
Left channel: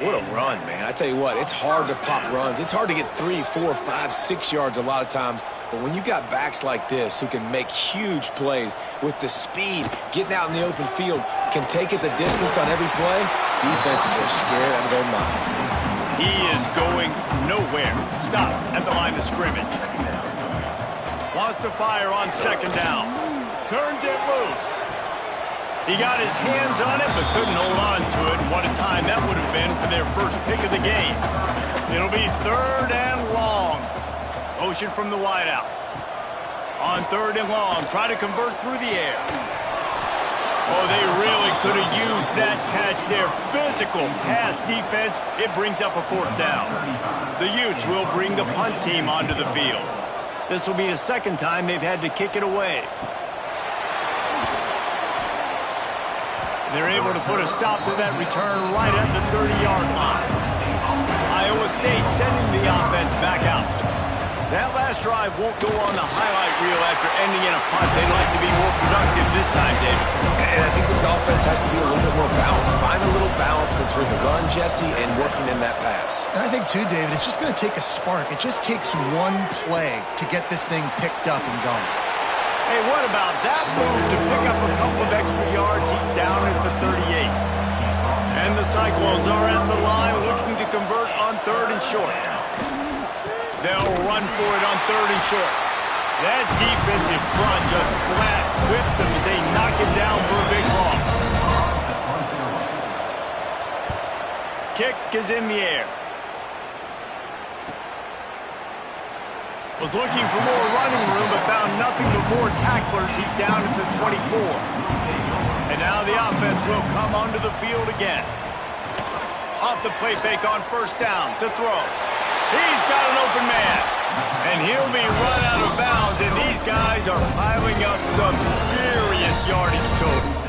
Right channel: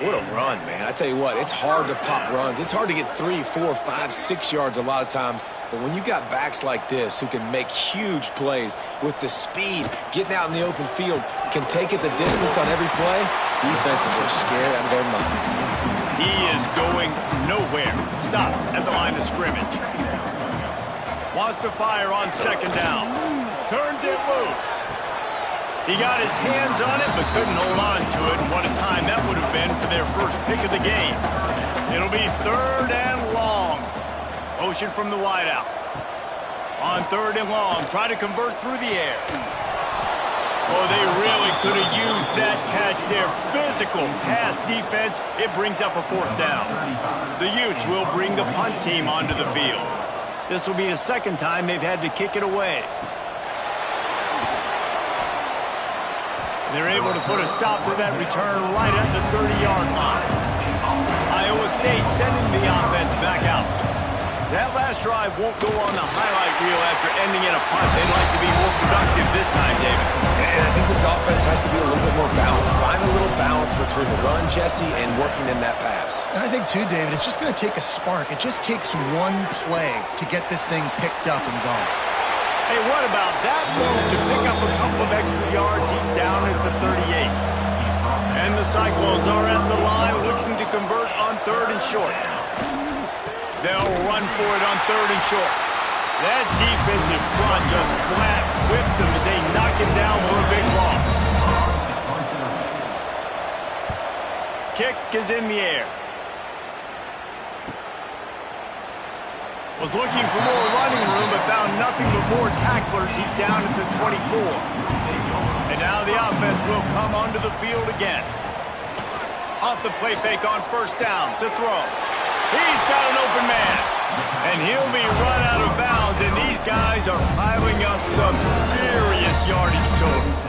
What a run, man. I tell you what, it's hard to pop runs. It's hard to get 3, 4, 5, 6 yards a lot of times. But when you got backs like this who can make huge plays with the speed, getting out in the open field, can take it the distance on every play, defenses are scared out of their mind. He is going nowhere. Stop at the line of scrimmage. Wants to fire on 2nd down. Turns it loose. He got his hands on it, but couldn't hold on to it. And what a time that would have been for their first pick of the game. It'll be 3rd and long. Motion from the wideout. On 3rd and long, try to convert through the air. Oh, they really could have used that catch there. Physical pass defense. It brings up a 4th down. The Utes will bring the punt team onto the field. This will be the 2nd time they've had to kick it away. They're able to put a stop to that return right at the 30-yard line. Iowa State sending the offense back out. That last drive won't go on the highlight reel after ending in a punt. They'd like to be more productive this time, David. And I think this offense has to be a little bit more balanced. Find a little balance between the run, Jesse, and working in that pass. And I think, too, David, it's just going to take a spark. It just takes one play to get this thing picked up and going. Hey, what about that move to pick up a couple of extra yards? He's down at the 38. And the Cyclones are at the line looking to convert on 3rd and short. They'll run for it on 3rd and short. That defensive front just flat whipped them as they knock it down for a big loss. Kick is in the air. Was looking for more running room, but found nothing but more tacklers. He's down at the 24. And now the offense will come onto the field again. Off the play fake on 1st down to throw. He's got an open man. And he'll be run out of bounds, and these guys are piling up some serious yardage totals.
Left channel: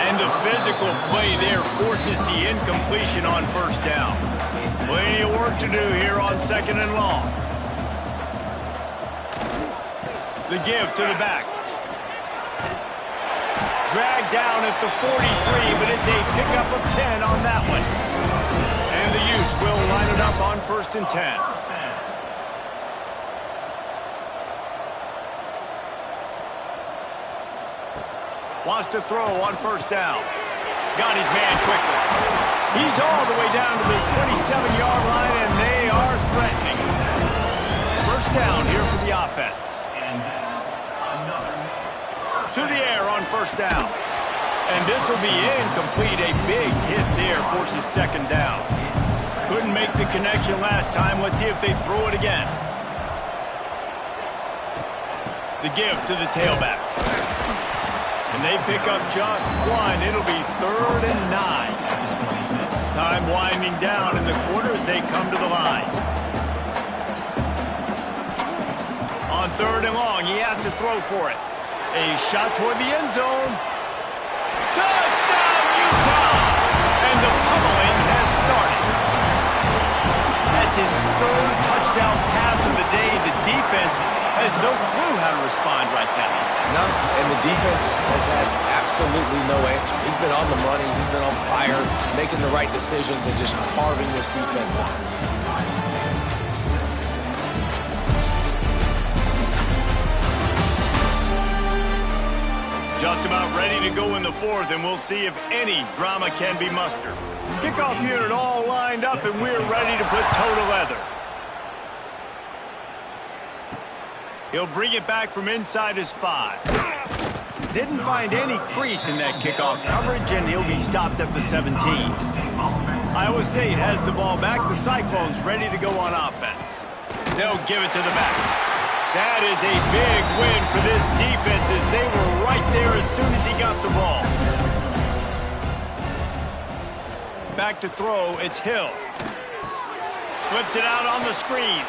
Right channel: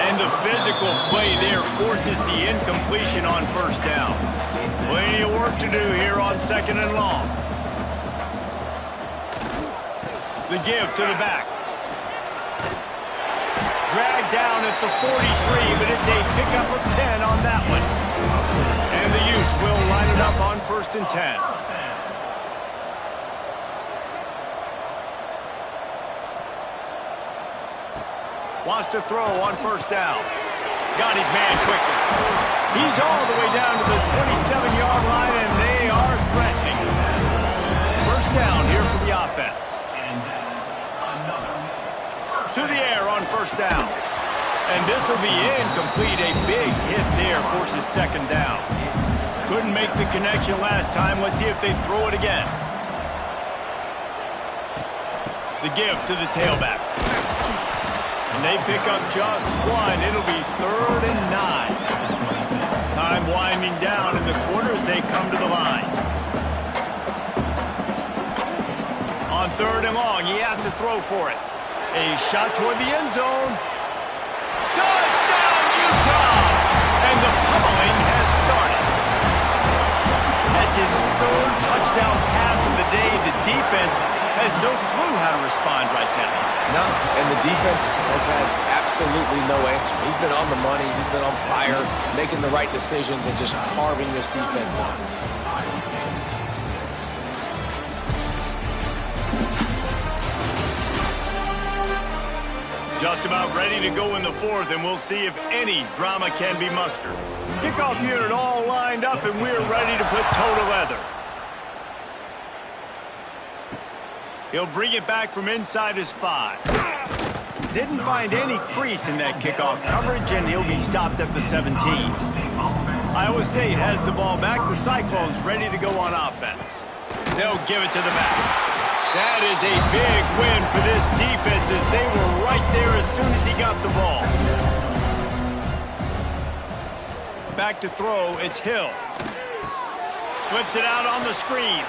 And the physical play there forces the incompletion on 1st down. Plenty of work to do here on 2nd and long. The give to the back. Dragged down at the 43, but it's a pickup of 10 on that one. And the Utes will line it up on 1st and 10. Wants to throw on 1st down. Got his man quickly. He's all the way down to the 27-yard line, and they are threatening. First down here for the offense. To the air on first down. And this will be incomplete. A big hit there forces second down. Couldn't make the connection last time. Let's see if they throw it again. The give to the tailback. And they pick up just one. It'll be 3rd and 9. Time winding down in the quarter as they come to the line. On 3rd and long, he has to throw for it. A shot toward the end zone. Touchdown, Utah! And the pummeling has started. That's his 3rd touchdown pass of the day. The defense has no clue how to respond right now. No, and the defense has had absolutely no answer. He's been on the money. He's been on fire, making the right decisions and just carving this defense up. Just about ready to go in the 4th, and we'll see if any drama can be mustered. Kickoff unit all lined up, and we're ready to put toe to leather. He'll bring it back from inside his 5. Didn't find any crease in that kickoff coverage, and he'll be stopped at the 17. Iowa State has the ball back. The Cyclones ready to go on offense. They'll give it to the back. That is a big win for this defense as they were right there as soon as he got the ball. Back to throw, it's Hill. Flips it out on the screen.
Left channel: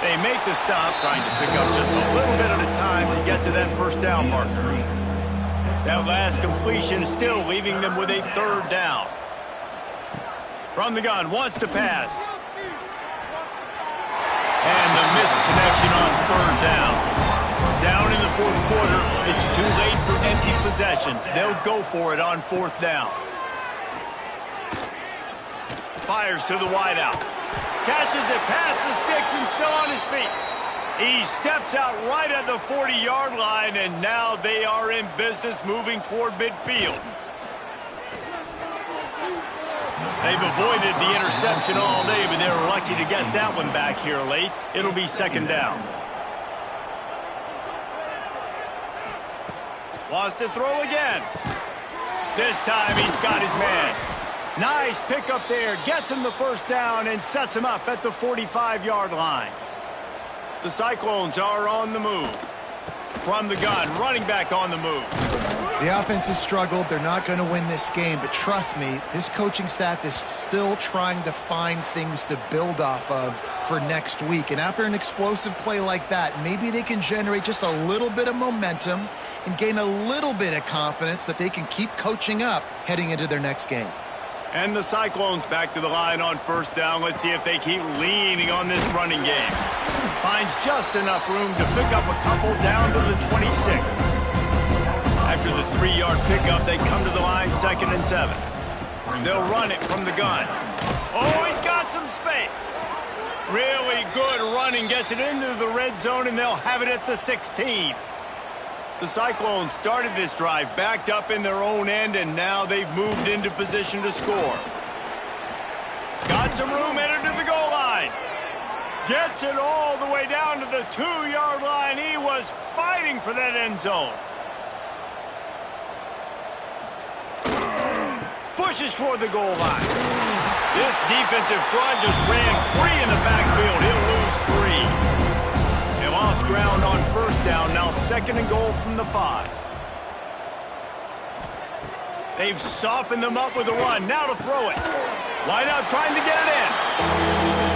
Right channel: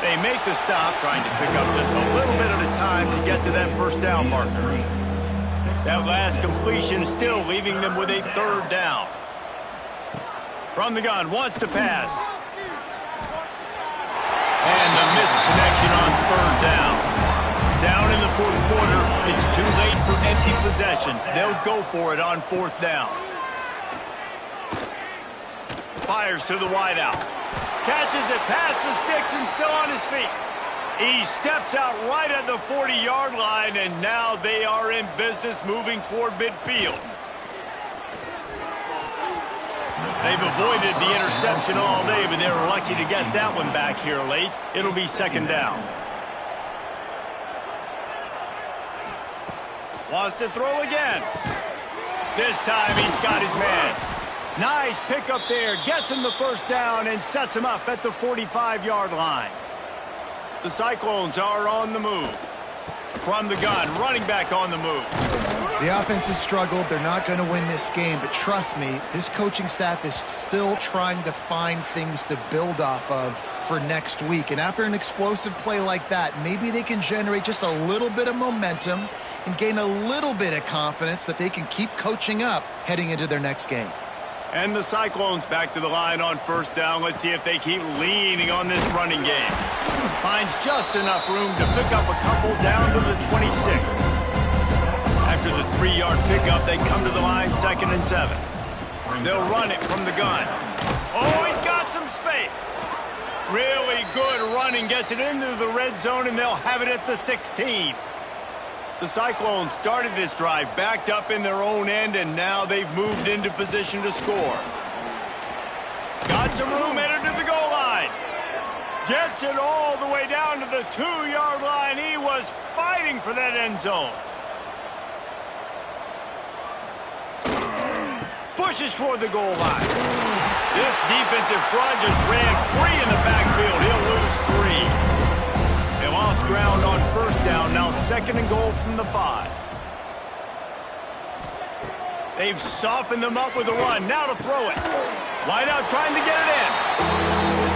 They make the stop, trying to pick up just a little bit at a time to get to that first down marker. That last completion still leaving them with a 3rd down. From the gun, wants to pass. And the missed connection on 3rd down. Down in the 4th quarter, it's too late for empty possessions. They'll go for it on 4th down. Fires to the wideout. Catches it past the sticks and still on his feet. He steps out right at the 40-yard line, and now they are in business moving toward midfield. They've avoided the interception all day, but they were lucky to get that one back here late. It'll be 2nd down. Wants to throw again. This time he's got his man. Nice pickup there. Gets him the first down and sets him up at the 45-yard line. The Cyclones are on the move. From the gun, running back on the move. The offense has struggled. They're not going to win this game, but trust me, this coaching staff is still trying to find things to build off of for next week. And after an explosive play like that, maybe they can generate just a little bit of momentum and gain a little bit of confidence that they can keep coaching up heading into their next game. And the Cyclones back to the line on first down. Let's see if they keep leaning on this running game. Finds just enough room to pick up a couple down to the 26. After the 3-yard pickup, they come to the line 2nd and 7. They'll run it from the gun. Oh, he's got some space. Really good running, gets it into the red zone, and they'll have it at the 16. The Cyclones started this drive backed up in their own end, and now they've moved into position to score. Got some room, headed to the goal line. Gets it all the way down to the 2-yard line. He was fighting for that end zone. Pushes toward the goal line. This defensive front just ran free in the backfield. He'll lose 3. They lost ground on first down, now 2nd and goal from the 5. They've softened them up with a run, now to throw it. Wide out trying to get it in.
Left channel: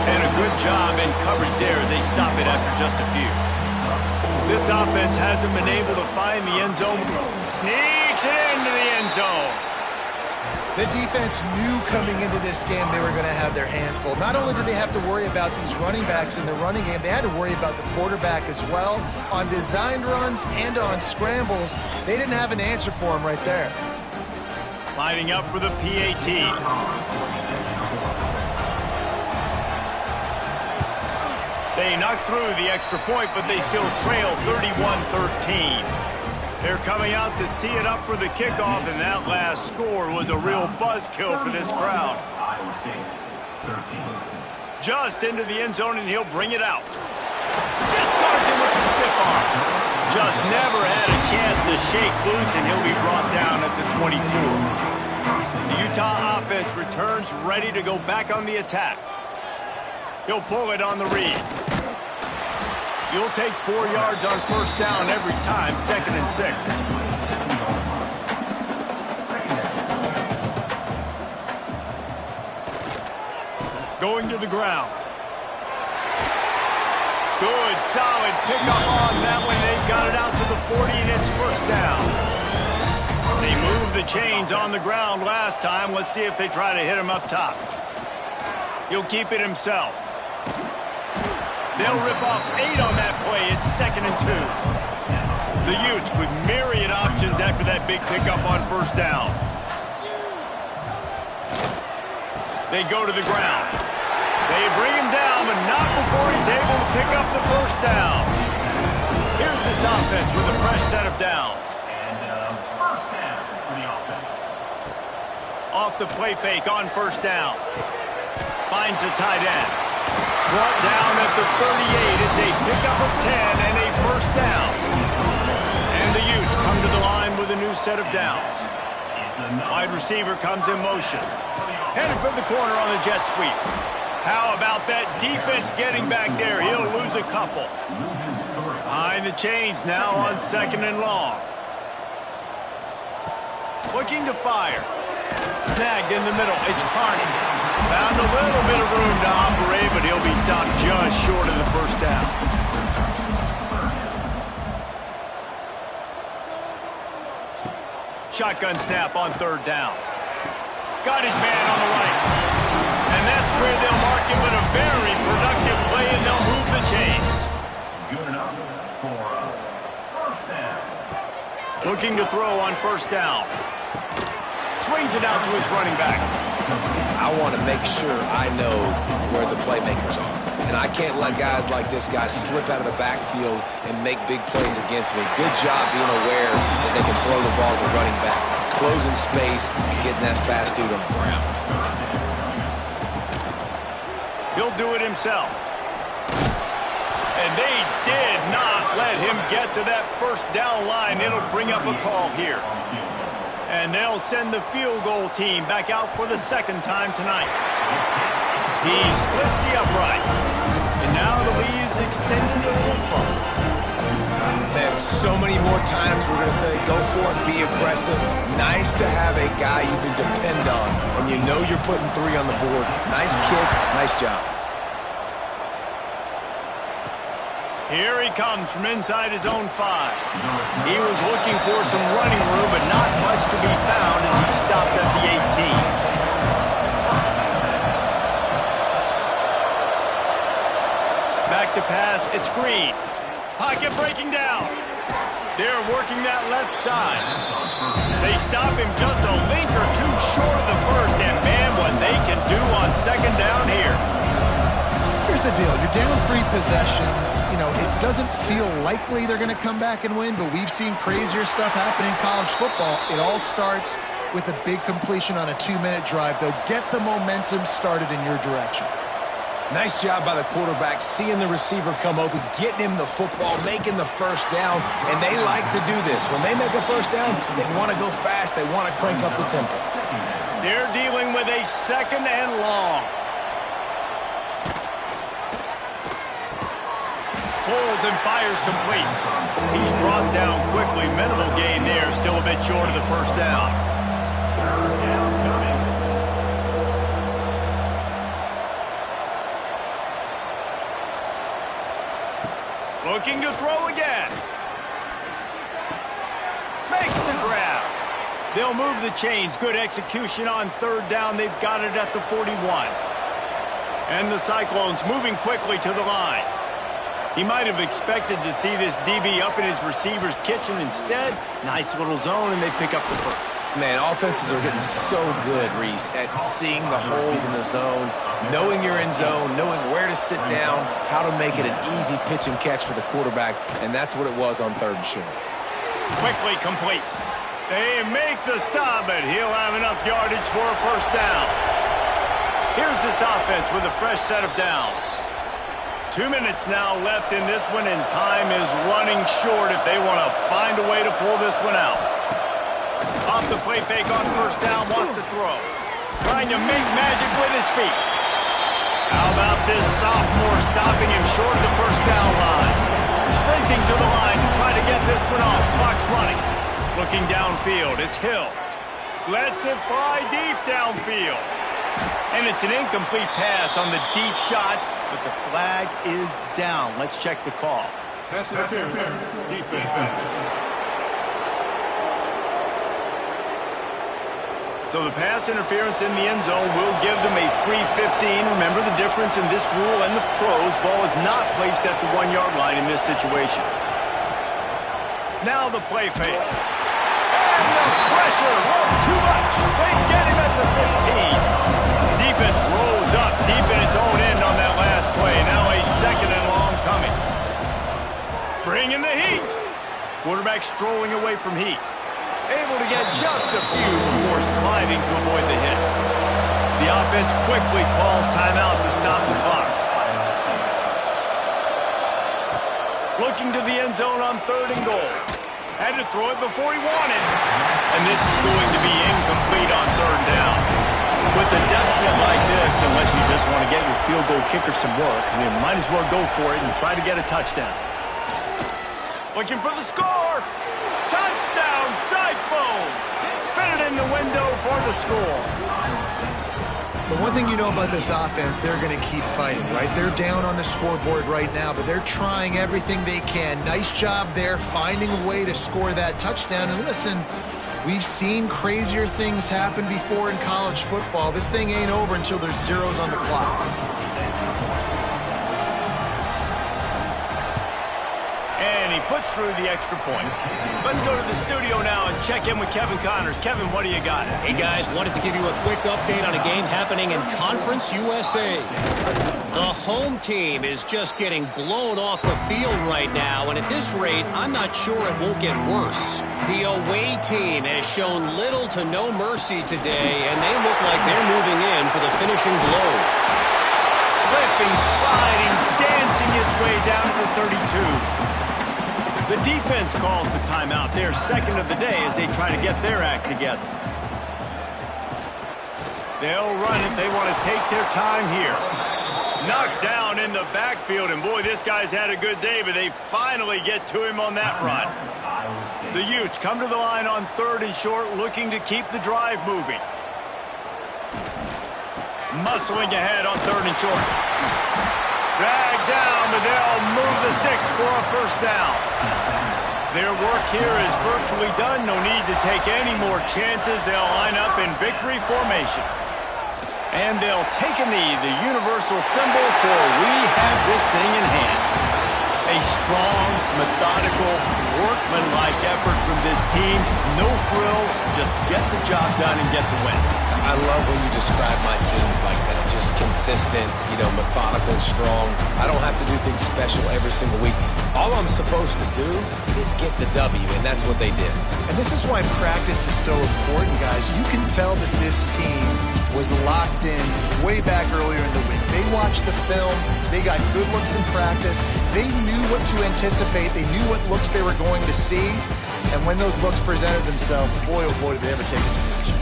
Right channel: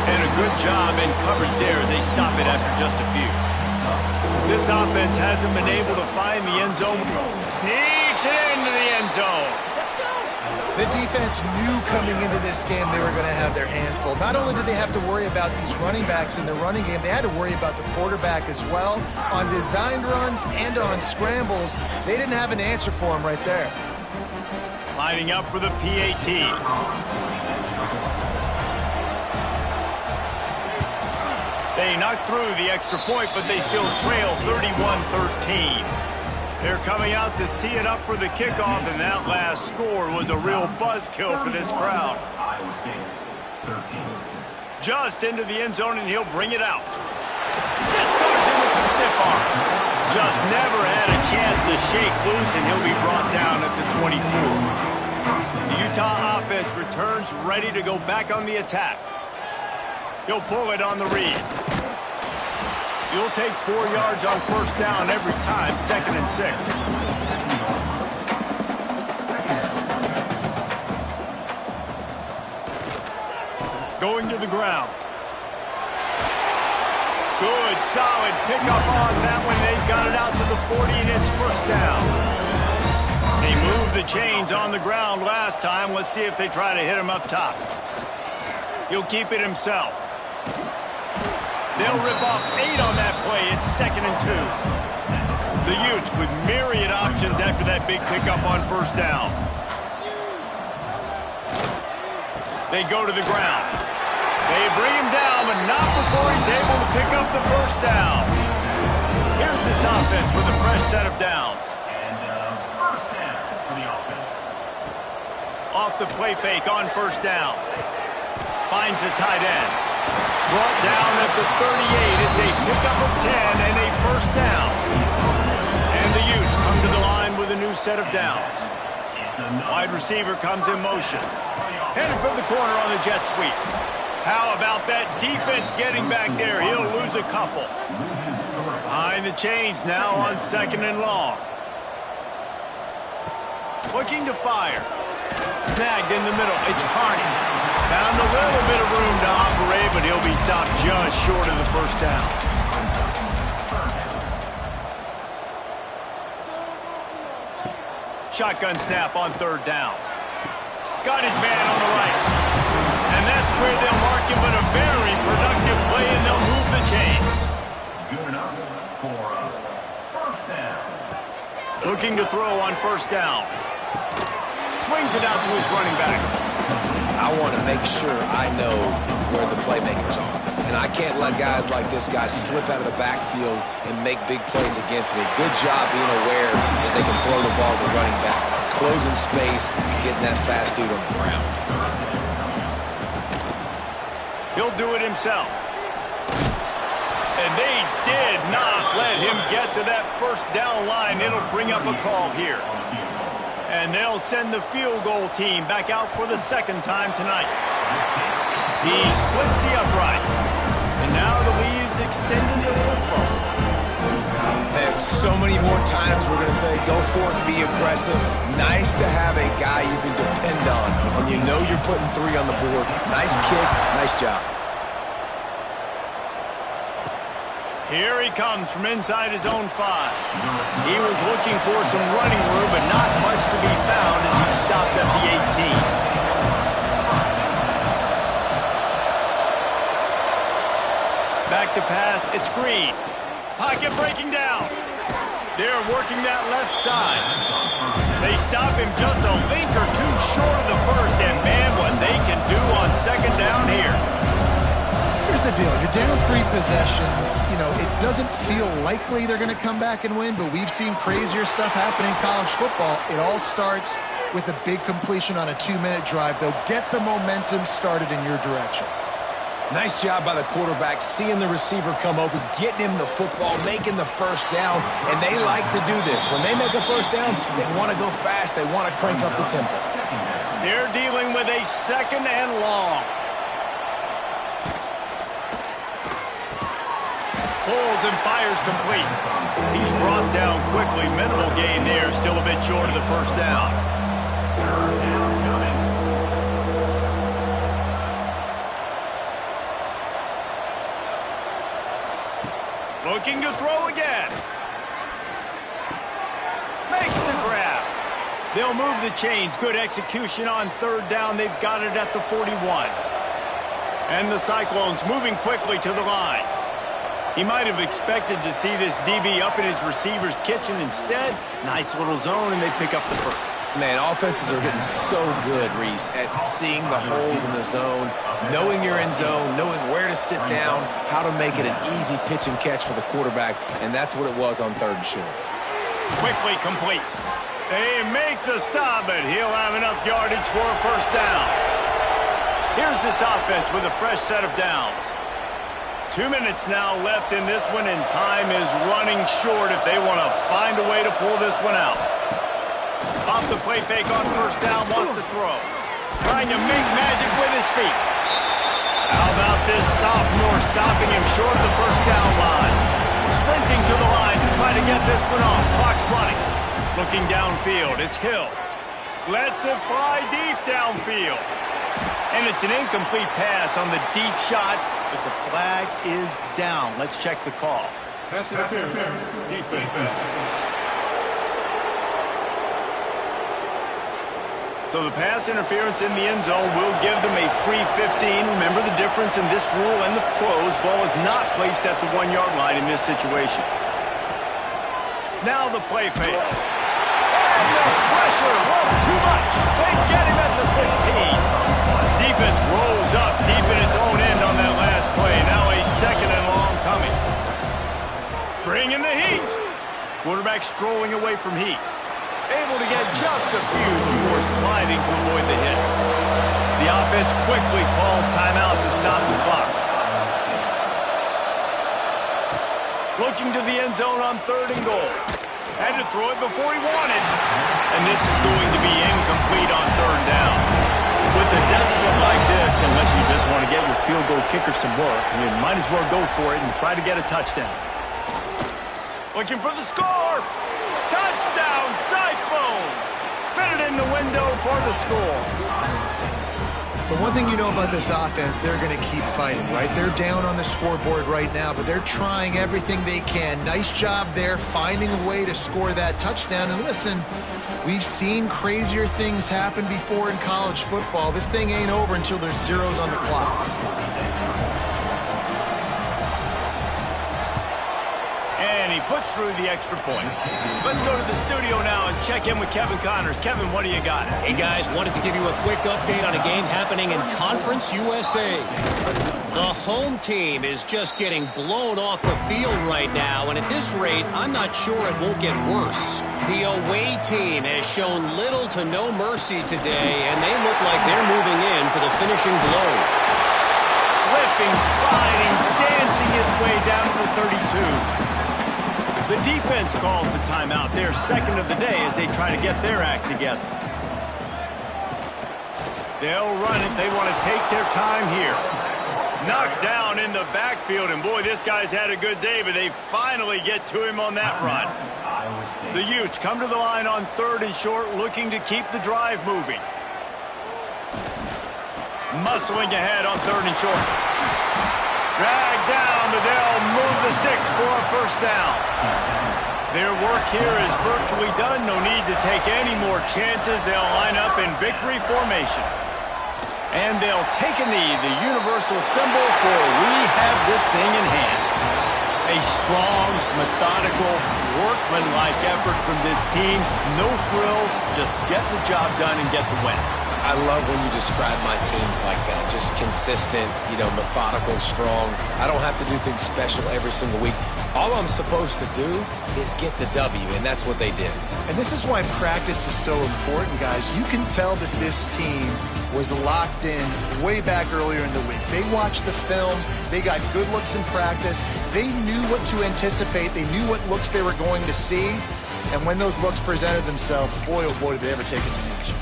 And a good job in coverage there as they stop it after just a few. This offense hasn't been able to find the end zone. Sneaks it into the end zone. The defense knew coming into this game they were going to have their hands full. Not only did they have to worry about these running backs in the running game, they had to worry about the quarterback as well. On designed runs and on scrambles, they didn't have an answer for him right there. Lining up for the PAT. They knocked through the extra point, but they still trail 31-13. They're coming out to tee it up for the kickoff, and that last score was a real buzzkill for this crowd. Just into the end zone, and he'll bring it out. Discards him with the stiff arm. Just never had a chance to shake loose, and he'll be brought down at the 24. The Utah offense returns ready to go back on the attack. He'll pull it on the read. You'll take 4 yards on first down every time, 2nd and 6. Going to the ground. Good, solid pickup on that one. They've got it out to the 40, and it's first down. They moved the chains on the ground last time. Let's see if they try to hit him up top. He'll keep it himself. They'll rip off 8 on that play. It's 2nd and 2. The Utes with myriad options after that big pickup on first down. They go to the ground. They bring him down, but not before he's able to pick up the first down. Here's this offense with a fresh set of downs. And first down for the offense. Off the play fake on first down. Finds the tight end. Brought down at the 38. It's a pickup of 10 and a first down. And the Utes come to the line with a new set of downs. Wide receiver comes in motion. Headed for the corner on the jet sweep. How about that defense getting back there? He'll lose a couple. Behind the chains now on 2nd and long. Looking to fire. Snagged in the middle. It's Carney. Found a little bit of room to operate, but he'll be stopped just short of the first down. Shotgun snap on 3rd down. Got his man on the right. And that's where they'll mark him, but a very productive play, and they'll move the chains. Good enough for first down. Looking to throw on first down. Swings it out to his running back. I want to make sure I know where the playmakers are. And I can't let guys like this guy slip out of the backfield and make big plays against me. Good job being aware that they can throw the ball to the running back, closing space, and getting that fast dude on the ground. He'll do it himself. And they did not let him get to that first down line. It'll bring up a call here. And they'll send the field goal team back out for the 2nd time tonight. He splits the uprights. And now the lead is extended a little further. Man, so many more times we're going to say, go forth, be aggressive. Nice to have a guy you can depend on, and you know you're putting 3 on the board. Nice kick, nice job. Here he comes from inside his own 5. He was looking for some running room, but not much to be found as he stopped at the 18. Back to pass, it's Green. Pocket breaking down. They're working that left side. They stop him just a link or 2 short of the first, and man, what they can do on 2nd down here. Here's the deal. You're down 3 possessions. You know, it doesn't feel likely they're going to come back and win, but we've seen crazier stuff happen in college football. It all starts with a big completion on a 2-minute drive. They'll get the momentum started in your direction. Nice job by the quarterback, seeing the receiver come open, getting him the football, making the first down, and they like to do this. When they make a first down, they want to go fast. They want to crank up the tempo. They're dealing with a 2nd and long. Pulls and fires complete. He's brought down quickly. Minimal gain there, still a bit short of the first down. Third down coming. Looking to throw again. Makes the grab. They'll move the chains. Good execution on 3rd down. They've got it at the 41. And the Cyclones moving quickly to the line. He might have expected to see this DB up in his receiver's kitchen. Instead, nice little zone, and they pick up the first. Man, offenses are getting so good, Reese, at seeing the holes in the zone, knowing you're in zone, knowing where to sit down, how to make it an easy pitch and catch for the quarterback, and that's what it was on 3rd and short. Quickly complete. They make the stop, but he'll have enough yardage for a first down. Here's this offense with a fresh set of downs. 2 minutes now left in this one, and time is running short if they want to find a way to pull this one out. Off the play fake on first down, wants to throw. Trying to make magic with his feet. How about this sophomore stopping him short of the first down line? Sprinting to the line to try to get this one off. Clock's running. Looking downfield, it's Hill. Lets it fly deep downfield. And it's an incomplete pass on the deep shot, but the flag is down. Let's check the call. Pass interference, defense. So the pass interference in the end zone will give them a free 15. Remember the difference in this rule and the pros. Ball is not placed at the 1-yard line in this situation. Now the play fake. And the pressure was too much. They get him at the 15. Defense rolls up deep in its own end on that last play. Now a second and long coming. Bringing the heat. Quarterback strolling away from heat. Able to get just a few before sliding to avoid the hits. The offense quickly calls timeout to stop the clock. Looking to the end zone on 3rd and goal. Had to throw it before he wanted. And this is going to be incomplete on 3rd down. With a deficit like this, unless you just want to get your field goal kicker some work, you might as well go for it and try to get a touchdown. Looking for the score. Touchdown, Cyclones! Fitted in the window for the score. The one thing you know about this offense, they're going to keep fighting, right? They're down on the scoreboard right now, but they're trying everything they can. Nice job there, finding a way to score that touchdown. And listen, we've seen crazier things happen before in college football. This thing ain't over until there's zeros on the clock. And he puts through the extra point. Let's go to the studio now and check in with Kevin Connors. Kevin, what do you got? Hey, guys, wanted to give you a quick update on a game happening in Conference USA. The home team is just getting blown off the field right now, and at this rate, I'm not sure it won't get worse. The away team has shown little to no mercy today, and they look like they're moving in for the finishing blow. Slipping, sliding, dancing its way down to the 32. The defense calls the timeout. Their second of the day as they try to get their act together. They'll run it. They want to take their time here. Knocked down in the backfield, and boy, this guy's had a good day, but they finally get to him on that run. The Utes come to the line on 3rd and short, looking to keep the drive moving. Muscling ahead on 3rd and short. Dragged down, but they'll move the sticks for a first down. Their work here is virtually done. No need to take any more chances. They'll line up in victory formation. And they'll take a knee, the universal symbol for we have this thing in hand. A strong, methodical, workmanlike effort from this team. No frills, just get the job done and get the win. I love when you describe my teams like that. Just consistent, methodical, strong. I don't have to do things special every single week. All I'm supposed to do is get the W, and that's what they did. And this is why practice is so important, guys. You can tell that this team was locked in way back earlier in the week. They watched the film. They got good looks in practice. They knew what to anticipate. They knew what looks they were going to see. And when those looks presented themselves, boy, oh boy, did they ever take advantage.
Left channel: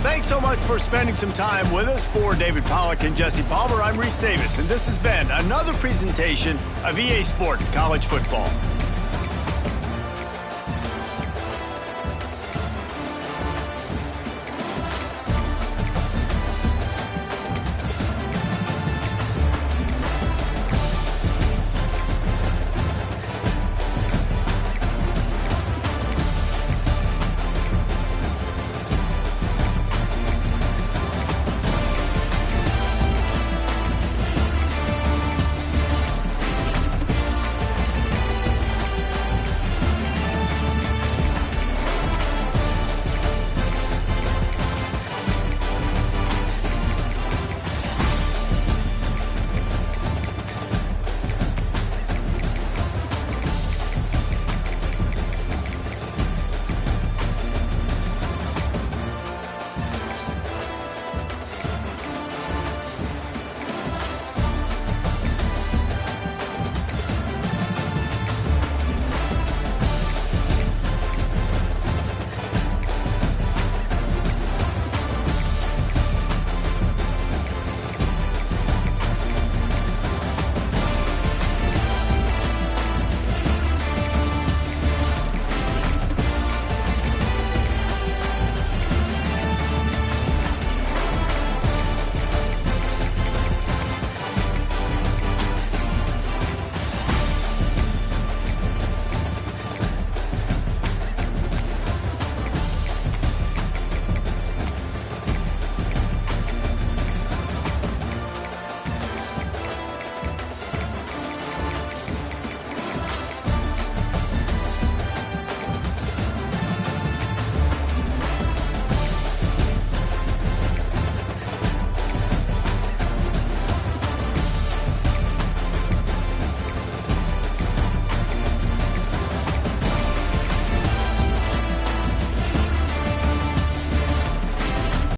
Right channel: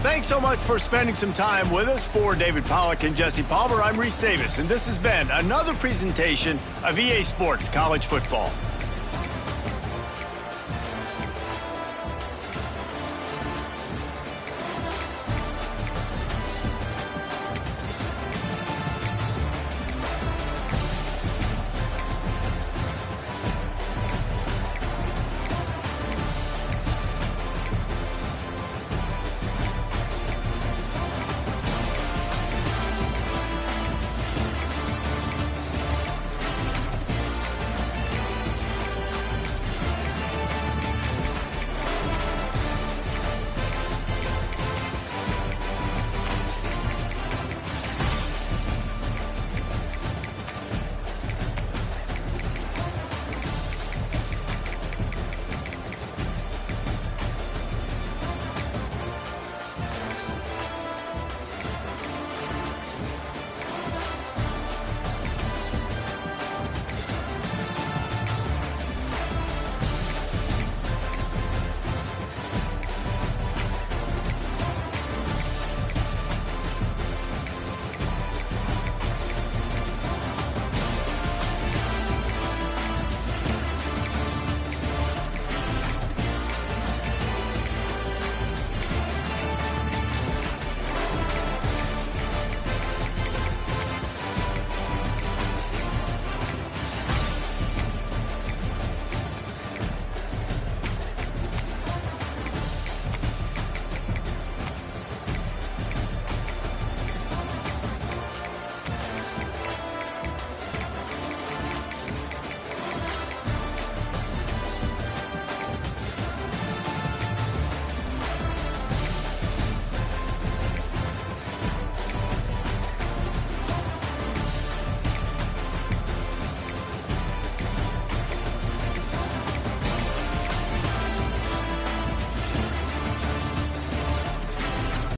Thanks so much for spending some time with us. For David Pollack and Jesse Palmer, I'm Reese Davis, and this has been another presentation of EA Sports College Football.